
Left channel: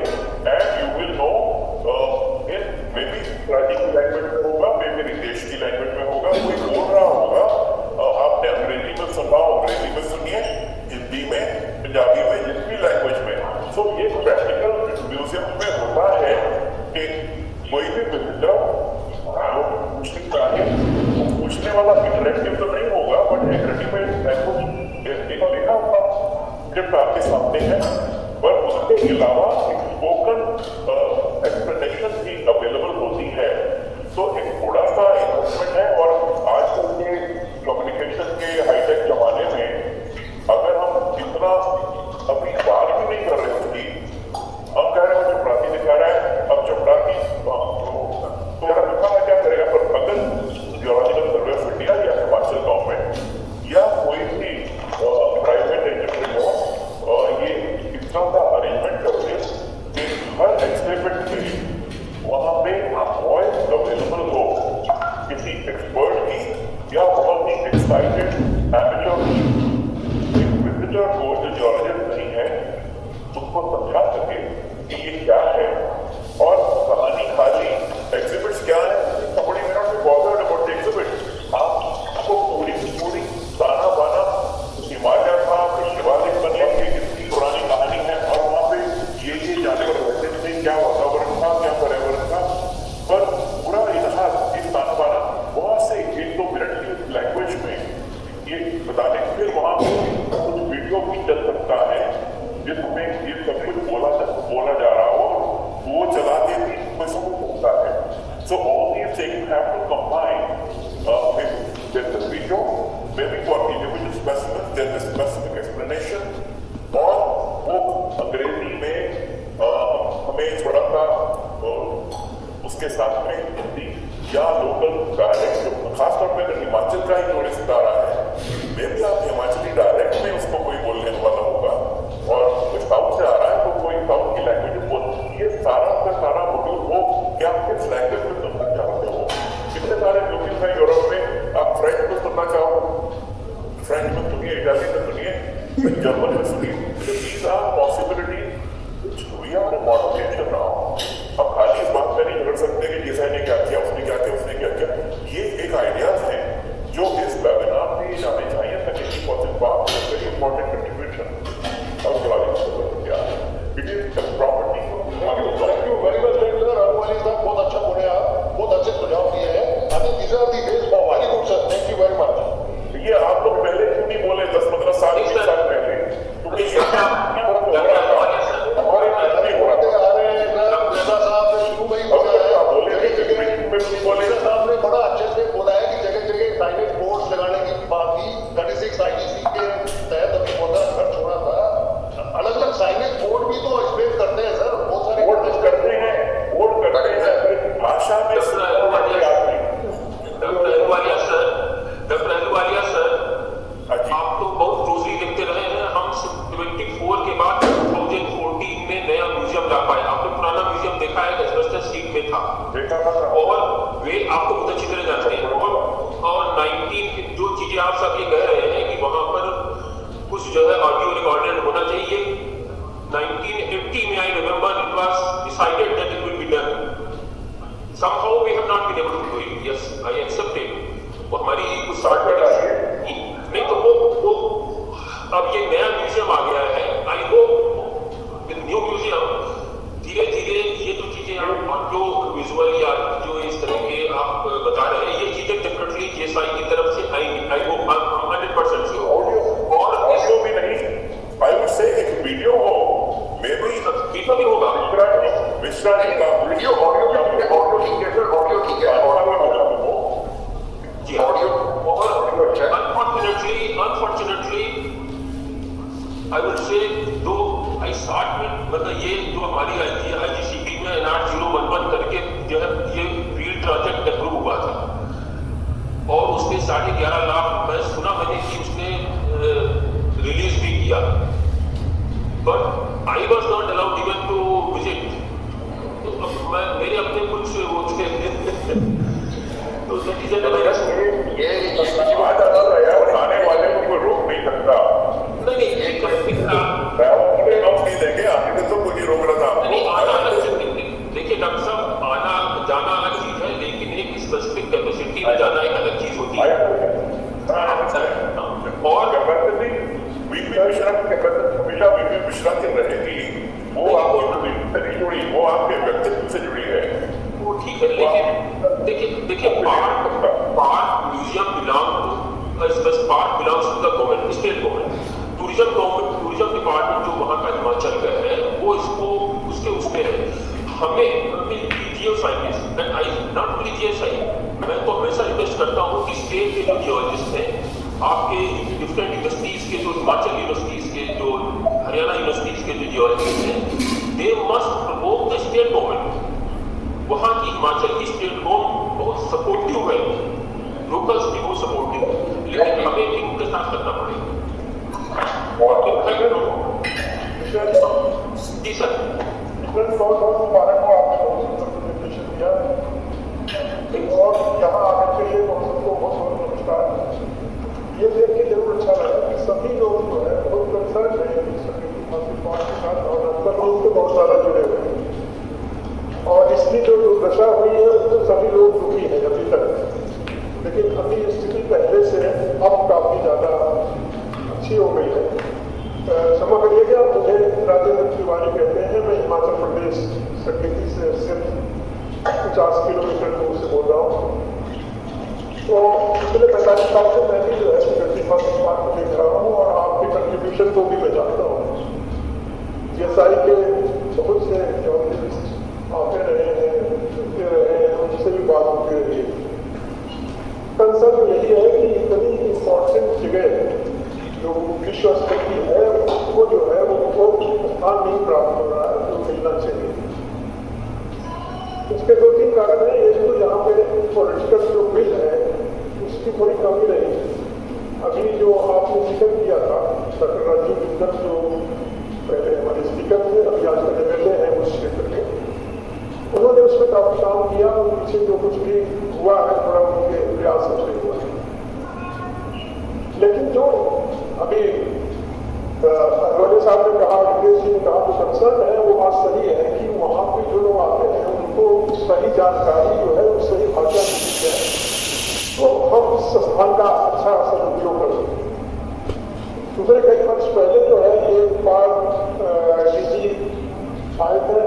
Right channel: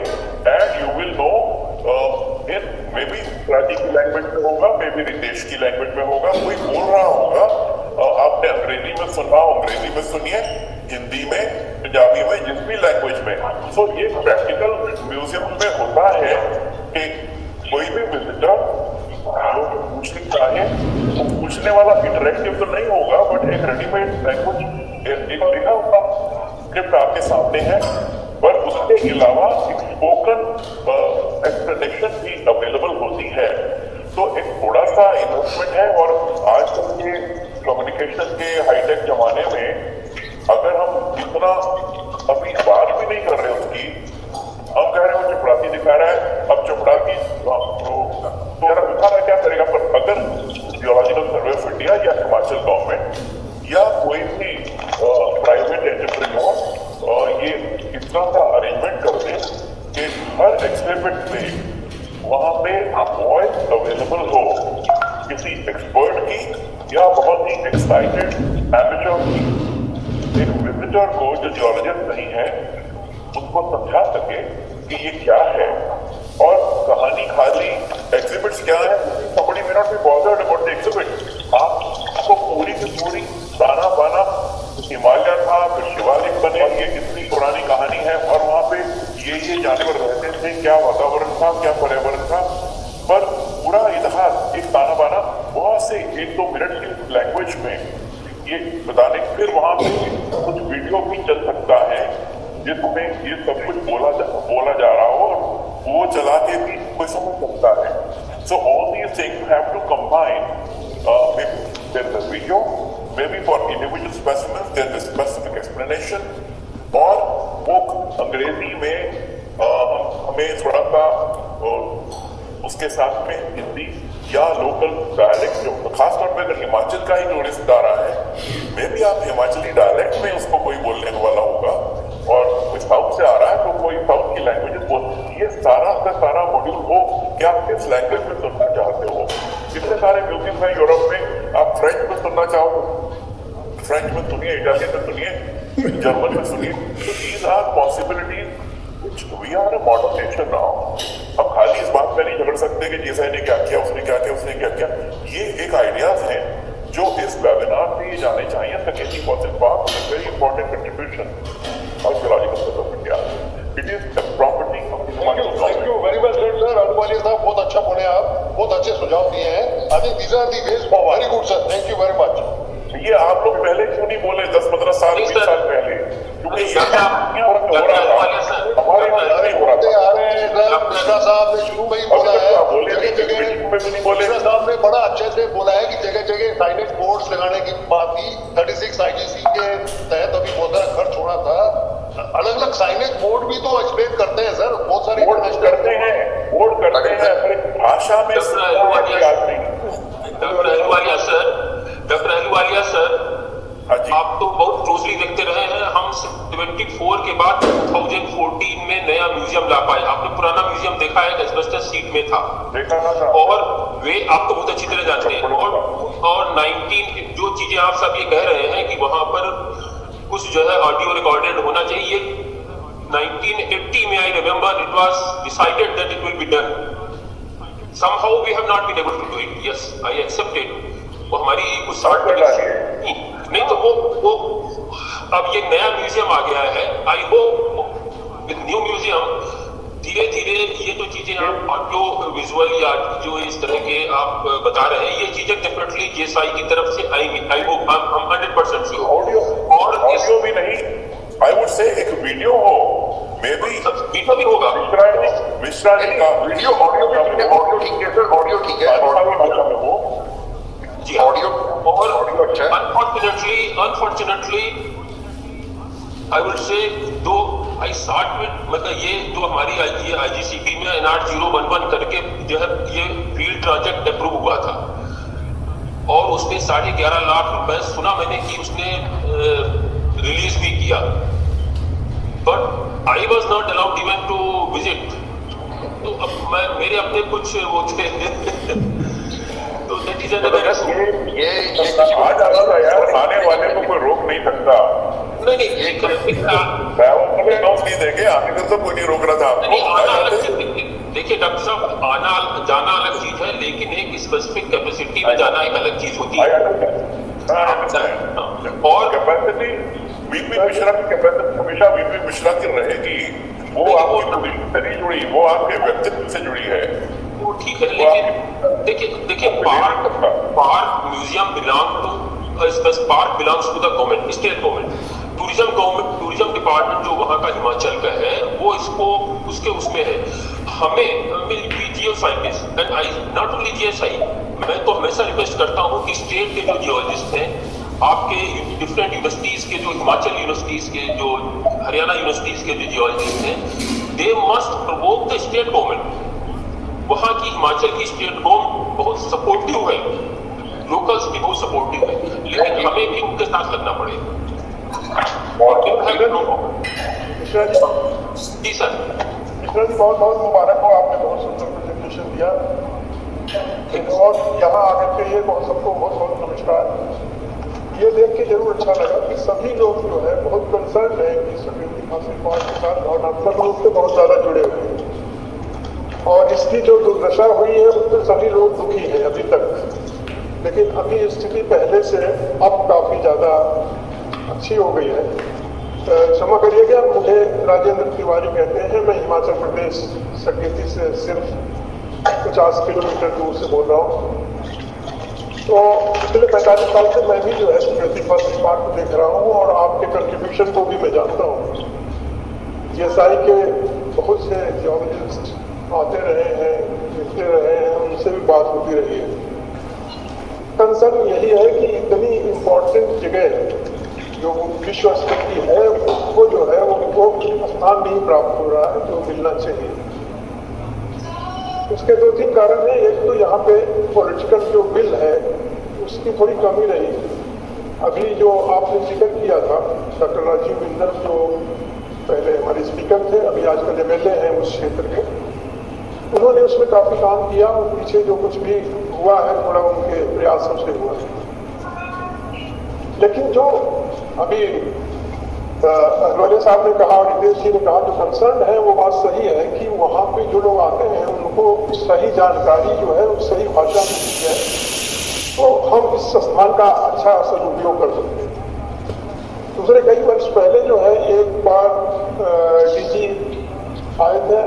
and you will know in may be Gujarati की लैंग्वेज में होगा मे बी रितेश की लैंग्वेज में होगा कोई बोल रहा होगा आपने अंग्रेजी में सुनना हो अंग्रेजी में सुनिए हिंदी में पंजाबी में जिस भी लैंग्वेज में तो ये प्रैक्टिकल म्यूजियम में होता है कि कोई भी विजिटर जो पूछना चाहे वो पूछने वाला इंटरेक्टिव तो नहीं होगा बट एक रेडीमेड लैंग्वेज एक लिखा हुआ स्क्रिप्ट आपके सामने है पर उसके अलावा एक स्पोकन एक्सप्लेनेशन भी अवेलेबल होती है तो एक थोड़ा सा इन्वेस्टमेंट है और आजकल के कम्युनिकेशन के हाईटेक जमाने में अगर हम इतना अभी बात भी नहीं कर रहे उसकी हम कह रहे हैं वो चपड़ासी दिखा रहा है अब चपड़ासी तो यार दिखा रहा क्या करेगा पर अगर जियोलॉजिकल सर्वे ऑफ इंडिया या हिमाचल गवर्नमेंट या कोई भी प्राइवेट एंटरप्रेन्योर ये इतना सा अरेंजमेंट कर दे कि हर एग्जिबिट पे वहां पे वॉइस अवेलेबल हो किसी एक्सपर्ट की या बहुत ही एक्साइटेड एमेच्योर की एक विजिटर को जो जियोलॉजिस्ट नहीं है उसको समझा सके कि ये क्या है और कहानी खाली एग्जिबिट्स क्या है. somebody may not be bothered about the exhibit. आपको पूरी की पूरी ताना बाना हिमालय था, फिर शिवालिक बने, ये इतनी पुरानी कहानी है और वहां पे ये जानवर रहते थे, क्या वातावरण था, क्या पर्यावरण था, पर पूरा इतिहास एक ताना बाना बहुत से 1-2 मिनट की उस लैंग्वेज में ये बताने. फिर वहां पे कुछ वीडियो भी चल सकता है जिसमें ये सब कुछ बोला जा रहा हो और वो चला के भी कोई समझ सकता है. So all these things have to combine. Maybe there is a video, maybe for individual specimens there is a specific explanation, और वो अंग्रेजी में हमें थोड़ा सा उसके साथ में हिंदी या लोकल डायलेक्ट, जो खासतौर पे अगर हिमाचल का ही टूरिस्ट आ रहा है, मे भी आप हिमाचली डायलेक्ट में उसको कोई बोलने वाला होगा, और कोई साउथ से आ रहा है तो कोई साउथ की लैंग्वेजेस बोल. ये सारा का सारा मॉड्यूल हो कि आप किस लैंग्वेज में सुनना चाहते हो. कितने सारे म्यूजियम है यूरोप में, आप फ्रेंच में सुनना चाहो तो फ्रेंच में सुनिए, इटालियन में सुनिए, जर्मन में सुनिए. These are possibilities which we are a modern nation now. हम खाली इस बात पे नहीं झगड़ सकते कि जीसा ने क्या किया, उसने क्या किया, उसने क्या किया. ये एक आइडियाज हैं जो इस वेबिनार से ये जाने चाहिए. Secondary fossil park is a very important contribution of geological survey of India. It is the property of the Himachal government. Thank you very well said sir. Ahluwalia साहब बहुत अच्छा बोले आप, बहुत अच्छे सुझाव दिए हैं. I think these are the ways forward. Very good sir, thank you very much. ये आप लोग पहले क्यों नहीं बोले 10-15 साल 20 साल पहले, क्योंकि ये हो रहा था हमारे यहाँ नहीं हो रहा था. आ रहे हैं सर, मिश्रा साहब ने शुरू में ही बोला है, जगह जगह मिश्रा साहब ने बड़ा अच्छे से बोला है कि जगह जगह साइनेज बोर्ड्स लगाने की बात थी. 36 IGC के तहत अभी बहुत सारा खर्च होना था. अलग अलग साइनेज बोर्ड भी तो एक्सप्लेन करते हैं सर, बहुत सारे बोर्ड करते हैं पर एक भाषा में डॉक्टर अहलूवालिया सर, आप तो बहुत क्लोजली देखते रहे हैं. हम 74 के बाद 2014 में नया म्यूजियम ला पाए. आपने पुराना म्यूजियम देखा है, एस्बेस्टस शीट में था, और वे आप तो बहुत अच्छी तरह जानते हैं. और 19 जो चीजें आप सब ये कह रहे हैं कि वहां पर कुछ जो है ऑडियो रिकॉर्डेड होना चाहिए, 1980 में I remember it was decided that it will be done. somehow we have not been able to do it. Yes, I accept it. वो हमारी कुछ शॉर्ट नहीं तो वो अब ये नया म्यूजियम आ गया है. I hope with new museum धीरे धीरे ये जो चीजें आप ऑडियो विजुअल या जो इस तरह के आप बता रहे हैं, ये चीजें डेफिनेटली JSI की तरफ से आएंगी. आई होप, हम 100% श्योर. ऑडियो भी नहीं, आई वुड से एक वीडियो हो, मे बी वीडियो भी होगा. मिश्रा जी का वीडियो ऑडियो ठीक है सर, ऑडियो ठीक है, भाषा में हो जी. ऑडियो और ऑडियो अच्छा है. अनफॉर्चुनेटली आई वुड से दो आई स्टार्ट विद, मतलब ये जो हमारी ये IGCP में NR 011 करके जो है ये फील्ड प्रोजेक्ट अप्रूव हुआ था, और उसने 11.5 लाख रुपए सुना मैंने कि उसने रिलीज भी किया, but I was not allowed even to visit. तो अब मेरे अपने कुछ वो थे तो दैट इज अनदर इशू. ये आ जाना था यार, आने वाले को कोई रोक नहीं सकता. नहीं नहीं देंगे, आने में तो कोई नहीं रोक रहा था आपको. आना अलग चीज. देखिए डॉक्टर साहब, आना जाना अलग चीज है, लेकिन एक स्पेसिफिक कैपेसिटी में जाना एक अलग चीज होती है. और कैपेसिटी VP मिश्रा की कैपेसिटी हमेशा VP मिश्रा की रहेगी. वो आपकी पोजीशन से नहीं जुड़ी, वो आपके व्यक्तित्व से जुड़ी है. वो ठीक है, लेकिन देखिए park museum park belongs to the government, state government. Tourism department जो वहाँ का हिमाचल का है वो इसको उसमें है. हमें जियो scientist and I not only GSI, मैं तो हमेशा रिक्वेस्ट करता हूँ कि स्टेट के जो जियोलॉजिस्ट हैं, आपके डिफरेंट यूनिवर्सिटीज के, जो हिमाचल यूनिवर्सिटीज के, जो हरियाणा यूनिवर्सिटीज के जो जियोलॉजिस्ट हैं, they must Provogue the state government. वहाँ की हिमाचल की स्टेट गवर्नमेंट बहुत सपोर्टिव है, लोकल्स भी बहुत सपोर्टिव है, लेकिन हमें भी उनके साथ लगना पड़ेगा. जी सर. मिश्रा जी बहुत बहुत मुबारक हो, आपने बहुत सुंदर प्रेजेंटेशन दिया, और यहाँ आकर के ये सबको बहुत बहुत नमस्कार. ये देख के जरूर अच्छा लगा कि सभी लोग जो है बहुत कंसर्न है कि सकेती फासिल पार्क के साथ भावनात्मक रूप से बहुत ज्यादा जुड़े हुए हैं और इसकी जो दुर्दशा हुई है उसमें सभी लोग दुखी हैं अभी तक। लेकिन अभी स्थिति पहले से अब काफी ज्यादा अच्छी हो गई है। क्षमा करिएगा, मुझे राजेंद्र तिवारी कहते हैं, मैं हिमाचल प्रदेश सकेती से सिर्फ 50 किलोमीटर दूर से बोल रहा हूँ। तो पिछले 45 साल से मैं भी जो है सकेती फासिल पार्क को देख रहा हूँ और आपके कंट्रीब्यूशन को भी मैं जानता हूँ। जीएसआई के बहुत से जियोलॉजिस्ट आते रहे हैं, मिलते रहे हैं, उनसे भी बात होती रही है। कंसर्न यही है कि इतनी इम्पोर्टेंट जगह जो विश्व स्तर की है उसको जो है वो स्थान नहीं प्राप्त हो रहा है जो मिलना चाहिए। उसके 2-3 कारण हैं। एक तो यहाँ पे पॉलिटिकल जो विल है उसकी थोड़ी कमी रही। अभी जो आपने जिक्र किया था डॉक्टर राजीव बिंदल जो पहले हमारे स्पीकर थे, अभी आजकल एमएलए हैं उस क्षेत्र के, उन्होंने उसमें काफी काम किया और पीछे जो कुछ भी हुआ है थोड़ा उनके प्रयासों से हुआ। लेकिन जो अभी अहलवालिया साहब ने कहा और रितेश जी ने कहा, जो कंसर्न है वो बात सही है कि वहाँ पे जो लोग आते हैं उनको सही जानकारी जो है उस सही भाषा में दी जाए तो हम इस संस्थान का अच्छा सदुपयोग कर सकते हैं। दूसरे कई वर्ष पहले जो है एक बार डीजी आए थे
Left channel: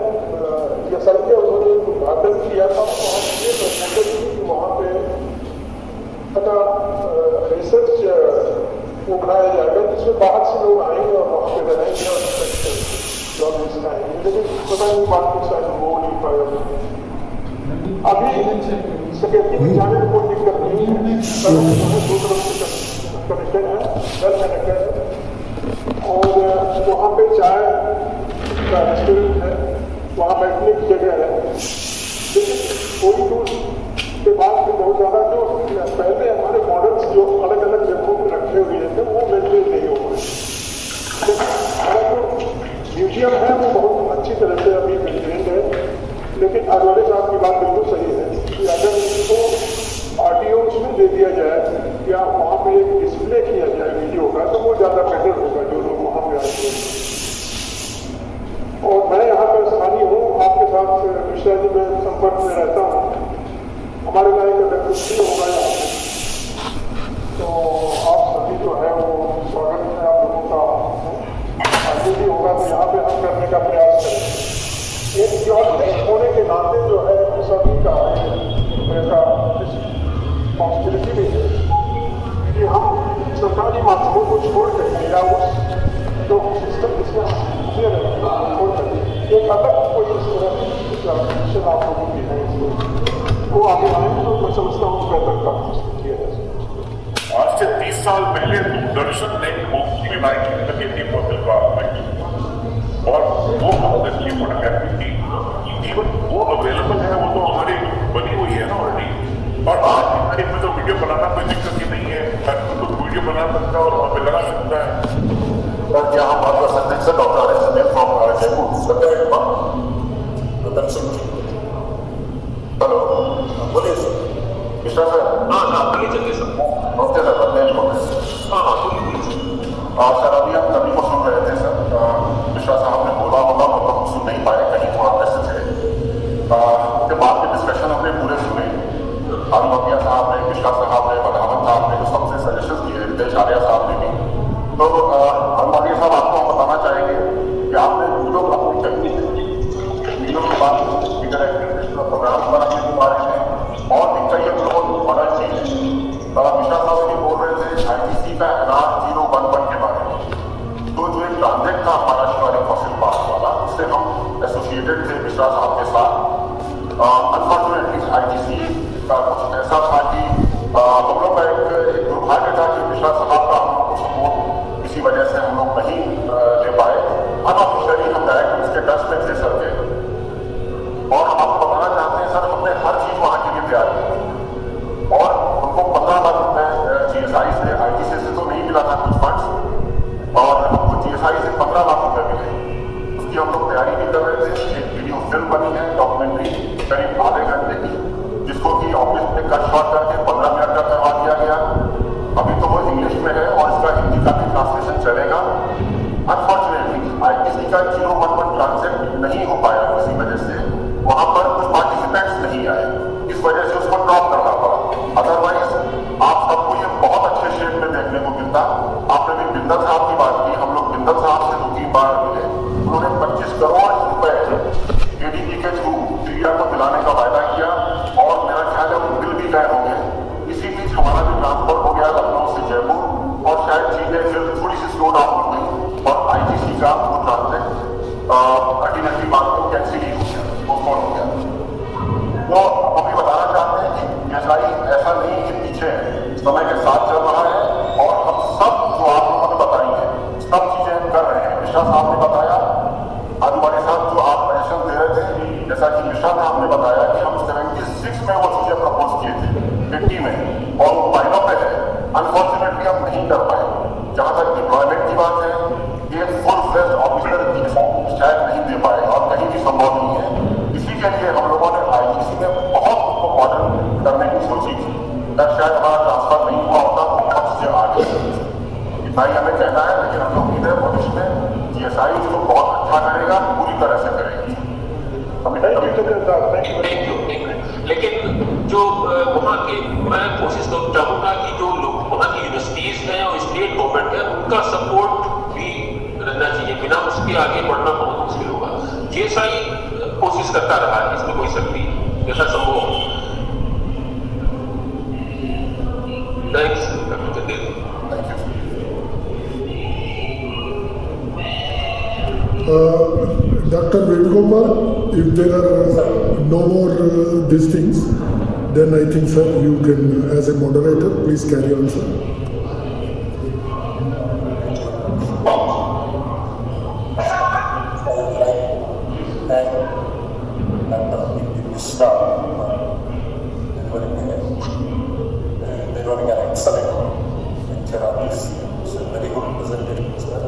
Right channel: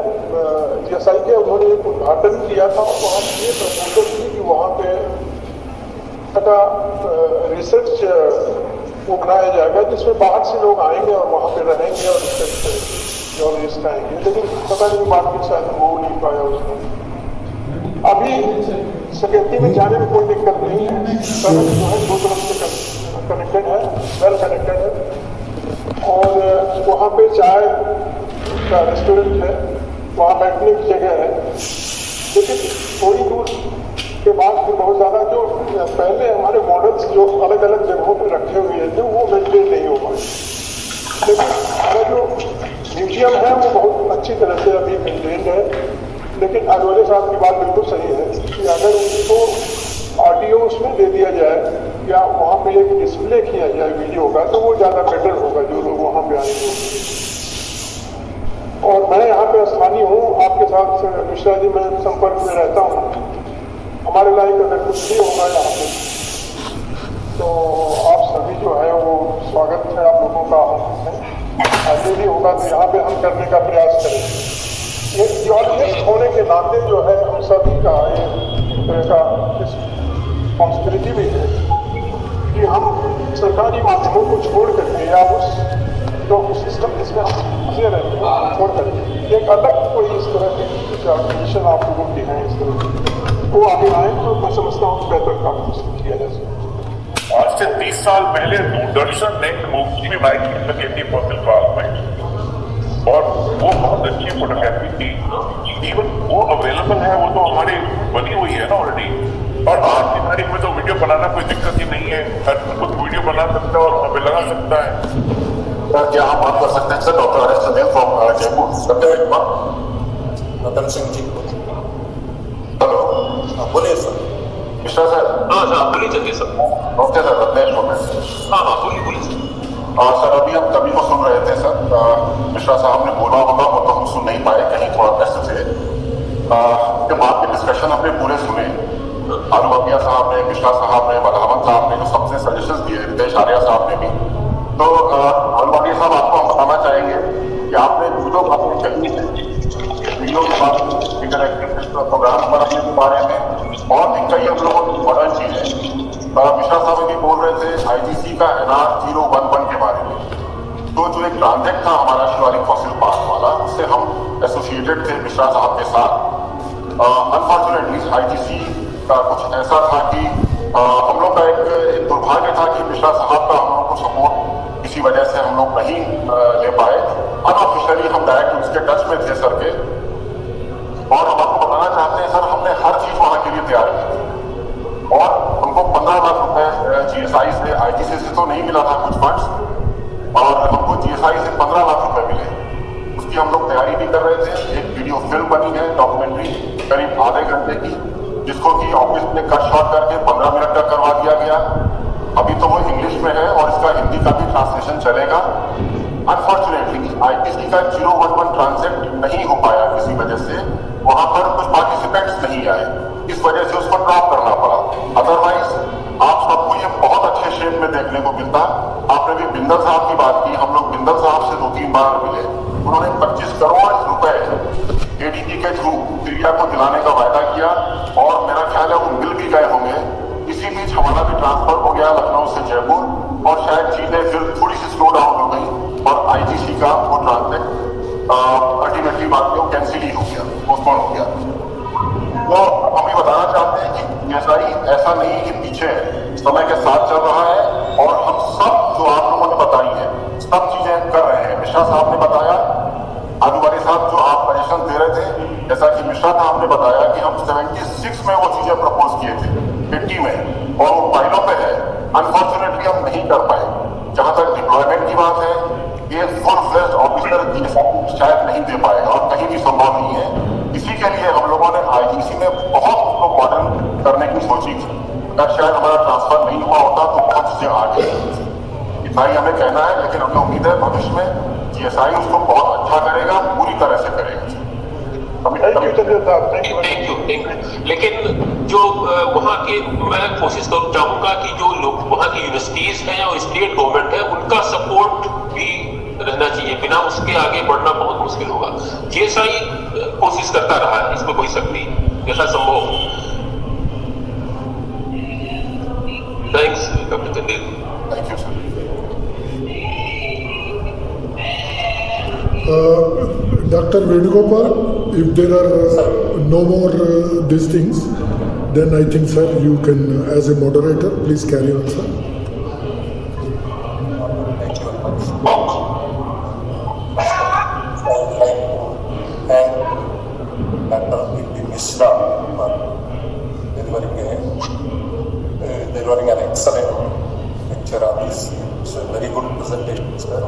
जीएसआई के, उन्होंने एक उद्घाटन किया था और वहाँ ये प्रपोजल थी कि वहाँ पे रिसर्च वो बनाया जाएगा जिसमें बाहर से लोग आएंगे और वहाँ पे रहेंगे और रिसर्च करेंगे, जर्नलिस्ट आएंगे। लेकिन पता नहीं बात के शायद हो नहीं पाया उसमें। अभी सकेती में जाने में कोई दिक्कत नहीं है, सड़क जो है 2 तरफ से कनेक्टेड है, वेल कनेक्टेड है और वहाँ पे चाय का रेस्टोरेंट है, वहाँ बैठने की जगह है। लेकिन थोड़ी दूर के बाद फिर बहुत ज्यादा जो पहले हमारे मॉडल्स जो अलग अलग जगहों पे रखे हुए थे वो मेंटेन नहीं हो पाए। लेकिन हमारा जो म्यूजियम है वो बहुत अच्छी तरह से अभी मेंटेन्ड है। लेकिन अहलवालिया साहब की बात बिल्कुल सही है कि अगर उसको आरटीओ उसमें दे दिया जाए या वहाँ पे एक डिस्प्ले किया जाए वीडियो का तो वो ज्यादा बेटर होगा जो लोग वहाँ पे आएंगे। और मैं यहाँ पे स्थानीय हूँ, आपके साथ मिश्रा जी मैं संपर्क में रहता हूँ। हमारे लायक अगर कुछ भी होगा यहाँ पे तो आप सभी जो है वो स्वागत है, आप लोगों का आमंत्रित है। आगे भी होगा तो यहाँ पे हम करने का प्रयास करेंगे। एक जियोलॉजिस्ट होने के नाते जो है हम सभी का ये एक तरह का रिस्पॉन्सिबिलिटी भी है कि हम सरकारी माध्यमों को छोड़ करके या उस जो सिस्टम जिसमें हम फंसे रहते हैं वो छोड़ करके एक अलग कोई इस तरह की ऑर्गेनाइजेशन आप लोगों की है इस तरह की वो आगे आए तो मैं समझता हूँ बेहतर काम किया जा सकता है। आज से 30 साल पहले दूरदर्शन ने एक मूवी भी बनाई थी सकेती फासिल पार्क में और वो बहुत अच्छी फोटोग्राफी थी। इवन वो अवेलेबल है, वो तो हमारी बनी हुई है ना ऑलरेडी। और आज की तारीख में तो वीडियो बनाना कोई दिक्कत ही नहीं है, हर कुछ वीडियो बना सकता है और वहाँ पे लगा सकता है। सर क्या हम बात कर सकते हैं sir? Doctor R S Chandel from Jaipur. Ratan Singh ji, hello, बोलिए सर। मिश्रा सर। हाँ सर, बोलिए चंदेल सर। नमस्ते सर, रत्नेश्वर में। हाँ बोलिए सर। सर अभी हम सभी को सुन रहे थे सर, मिश्रा साहब ने बोला होगा वो तो हम सुन नहीं पाए, कहीं थोड़ा व्यस्त थे। उसके बाद के डिस्कशन हमने पूरे सुने। अहलवालिया साहब ने, मिश्रा साहब ने, बधावन साहब ने जो सबसे सजेशंस दिए, रितेश आर्या साहब ने भी। तो अहलवालिया साहब आपको हम बताना चाहेंगे कि आपने जो बातें कही है वीडियो के बारे में, इंटरएक्टिव प्रोग्राम बनाने के बारे में और भी कई हम लोगों की मॉडर्न चीजें। मिश्रा साहब जी बोल रहे थे आईजीसी का NR 011 के बारे में। तो जो एक ट्रांजेक्ट था हमारा शिवालिक फॉसिल पार्क वाला, उससे हम एसोसिएटेड थे मिश्रा साहब के साथ। अनफॉर्चुनेटली आईजीसी का कुछ ऐसा था कि हम लोग का एक दुर्भाग्य था कि मिश्रा साहब का हम लोग को सपोर्ट किसी वजह से हम लोग नहीं ले पाए। अनऑफिशियली हम डायरेक्ट उसके टच में थे सर के, और हम आपको बताना चाहते हैं सर हमने हर चीज वहां के लिए तैयार की थी और हमको 15 लाख रुपए जीएसआई से, आईजीसी से तो नहीं मिला था कुछ फंड्स, और हमको जीएसआई से 15 लाख रुपए मिले। उसकी हम लोग तैयारी भी कर रहे थे। एक वीडियो फिल्म बनी है डॉक्यूमेंट्री करीब आधे घंटे की, जिसको कि ऑफिस में कट शॉट करके 15 मिनट का करवा दिया गया। अभी तो वो इंग्लिश में है और इसका हिंदी का भी ट्रांसलेशन चलेगा। अनफॉर्चुनेटली आईटीसी का 011 ट्रांजेक्ट नहीं हो पाया किसी वजह से, वहां पर कुछ पार्टिसिपेंट्स नहीं आए, इस वजह से उसको ड्रॉप करना पड़ा। अदरवाइज आप सबको ये बहुत अच्छे शेप में देखने को मिलता। आपने भी बिंदल साहब की बात की, हम लोग बिंदल साहब से 2-3 बार मिले, उन्होंने 25 करोड़ रुपए एडीबी के थ्रू दिल्ली को दिलाने का वायदा किया और मेरा ख्याल है वो मिल भी गए होंगे। इसी बीच हमारा भी ट्रांसफर हो गया लखनऊ से जयपुर और शायद चीजें फिर थोड़ी सी स्लो डाउन हो गई और आईटीसी का वो ट्रांजेक्ट अल्टीमेटली बात में वो कैंसिल ही हो गया, पोस्टपोन हो गया। तो हम ये बताना चाहते हैं कि ऐसा ऐसा नहीं है कि पीछे है, समय के साथ चल रहा है और हम सब जो आप लोगों ने बताई हैं सब चीजें कर रहे हैं। मिश्रा साहब ने बताया, आलूवाली साहब जो आप सजेशन दे रहे थे, जैसा कि मिश्रा साहब ने बताया कि हम 76 में वो चीजें प्रपोज किए थे 80 में और वो फाइलों पे है। अनफॉर्चुनेटली हम नहीं कर पाए। जहां तक डिप्लॉयमेंट की बात है, ये फुल फ्लेज्ड ऑफिसर शायद नहीं दे पाएगा और कहीं भी संभव नहीं है। इसी के लिए हम लोगों ने आईटीसी में बहुत उसको मॉडर्न करने की सोची थी। अगर शायद हमारा ट्रांसफर नहीं हुआ होता तो बहुत चीजें आगे इतना ही हमें कहना है, लेकिन हमें उम्मीद है भविष्य में जीएसआई उसको बहुत अच्छा करेगा, पूरी तरह से करेगा। थैंक यू चंद्र साहब, थैंक यू। लेकिन जो वहाँ के मैं कोशिश चाहूंगा कि जो लोग वहाँ की यूनिवर्सिटीज हैं और स्टेट गवर्नमेंट है उनका सपोर्ट भी रहना चाहिए, बिना उसके आगे बढ़ना बहुत मुश्किल होगा। जीएसआई कोशिश करता रहा है, इसमें कोई शक नहीं, जैसा संभव। Thanks doctor Chandel. Thank you sir. Dr. Venugopal, if there are no more these things, then I think, sir, you can, as a moderator, please carry on, sir. Thank you very much. I would like to thank Dr. P.P. Mishra for delivering an excellent lecture on this. It's a very good presentation, sir.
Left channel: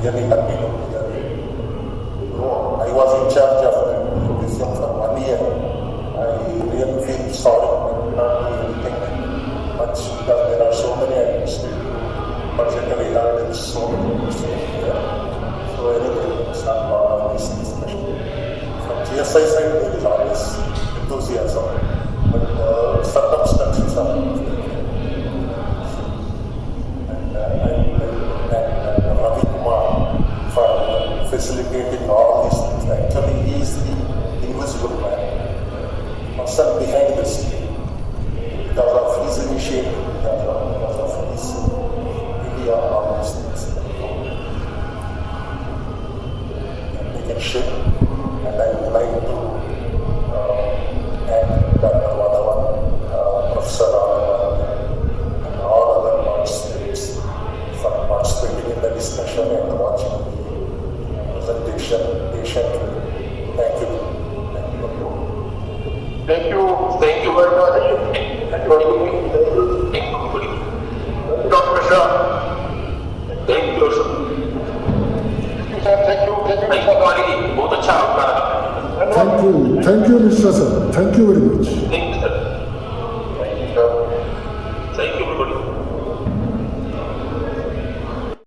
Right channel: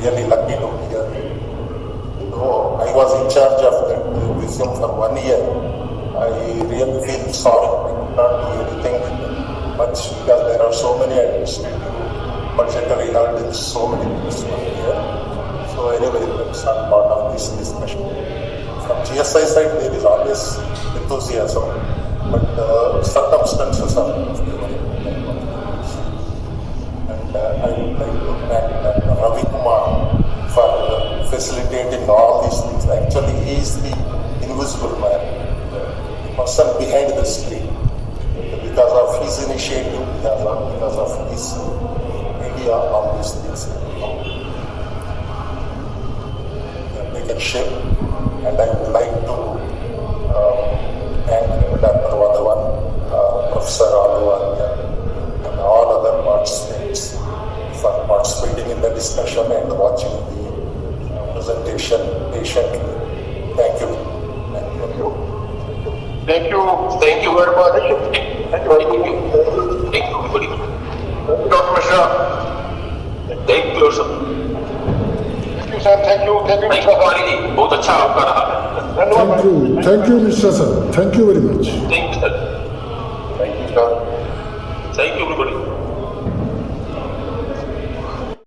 We are really lucky to hear. So I was in charge of that museum for 1 year. I really feel sorry I could not do anything much because there are so many administrative, budgetary hurdles, so many things here. So anyway, that's not part of this discussion. From GSI side, there is always enthusiasm, but circumstances are different. And I would like to thank Dr. Ravi Kumar for facilitating all these things. Actually, he is the invisible man, the person behind the screen. Because of his initiative, because of his media, all these things have taken shape. And I would like to thank Dr. Wadavan, Professor Aluwalia, and all other participants for participating in the discussion and watching the presentation patiently. Thank you. Thank you. Thank you. Thank you very much. Thank you. Thank you. Thank you. Thank you, everybody. Dr. Mishra. Thank you, sir. Thank you, sir. Thank you. Thank you, Thank you, Mishra. Kumari ji, बहुत अच्छा आपका रहा। Thank you, Mr. Sir. Thank you very much. Thank you, sir.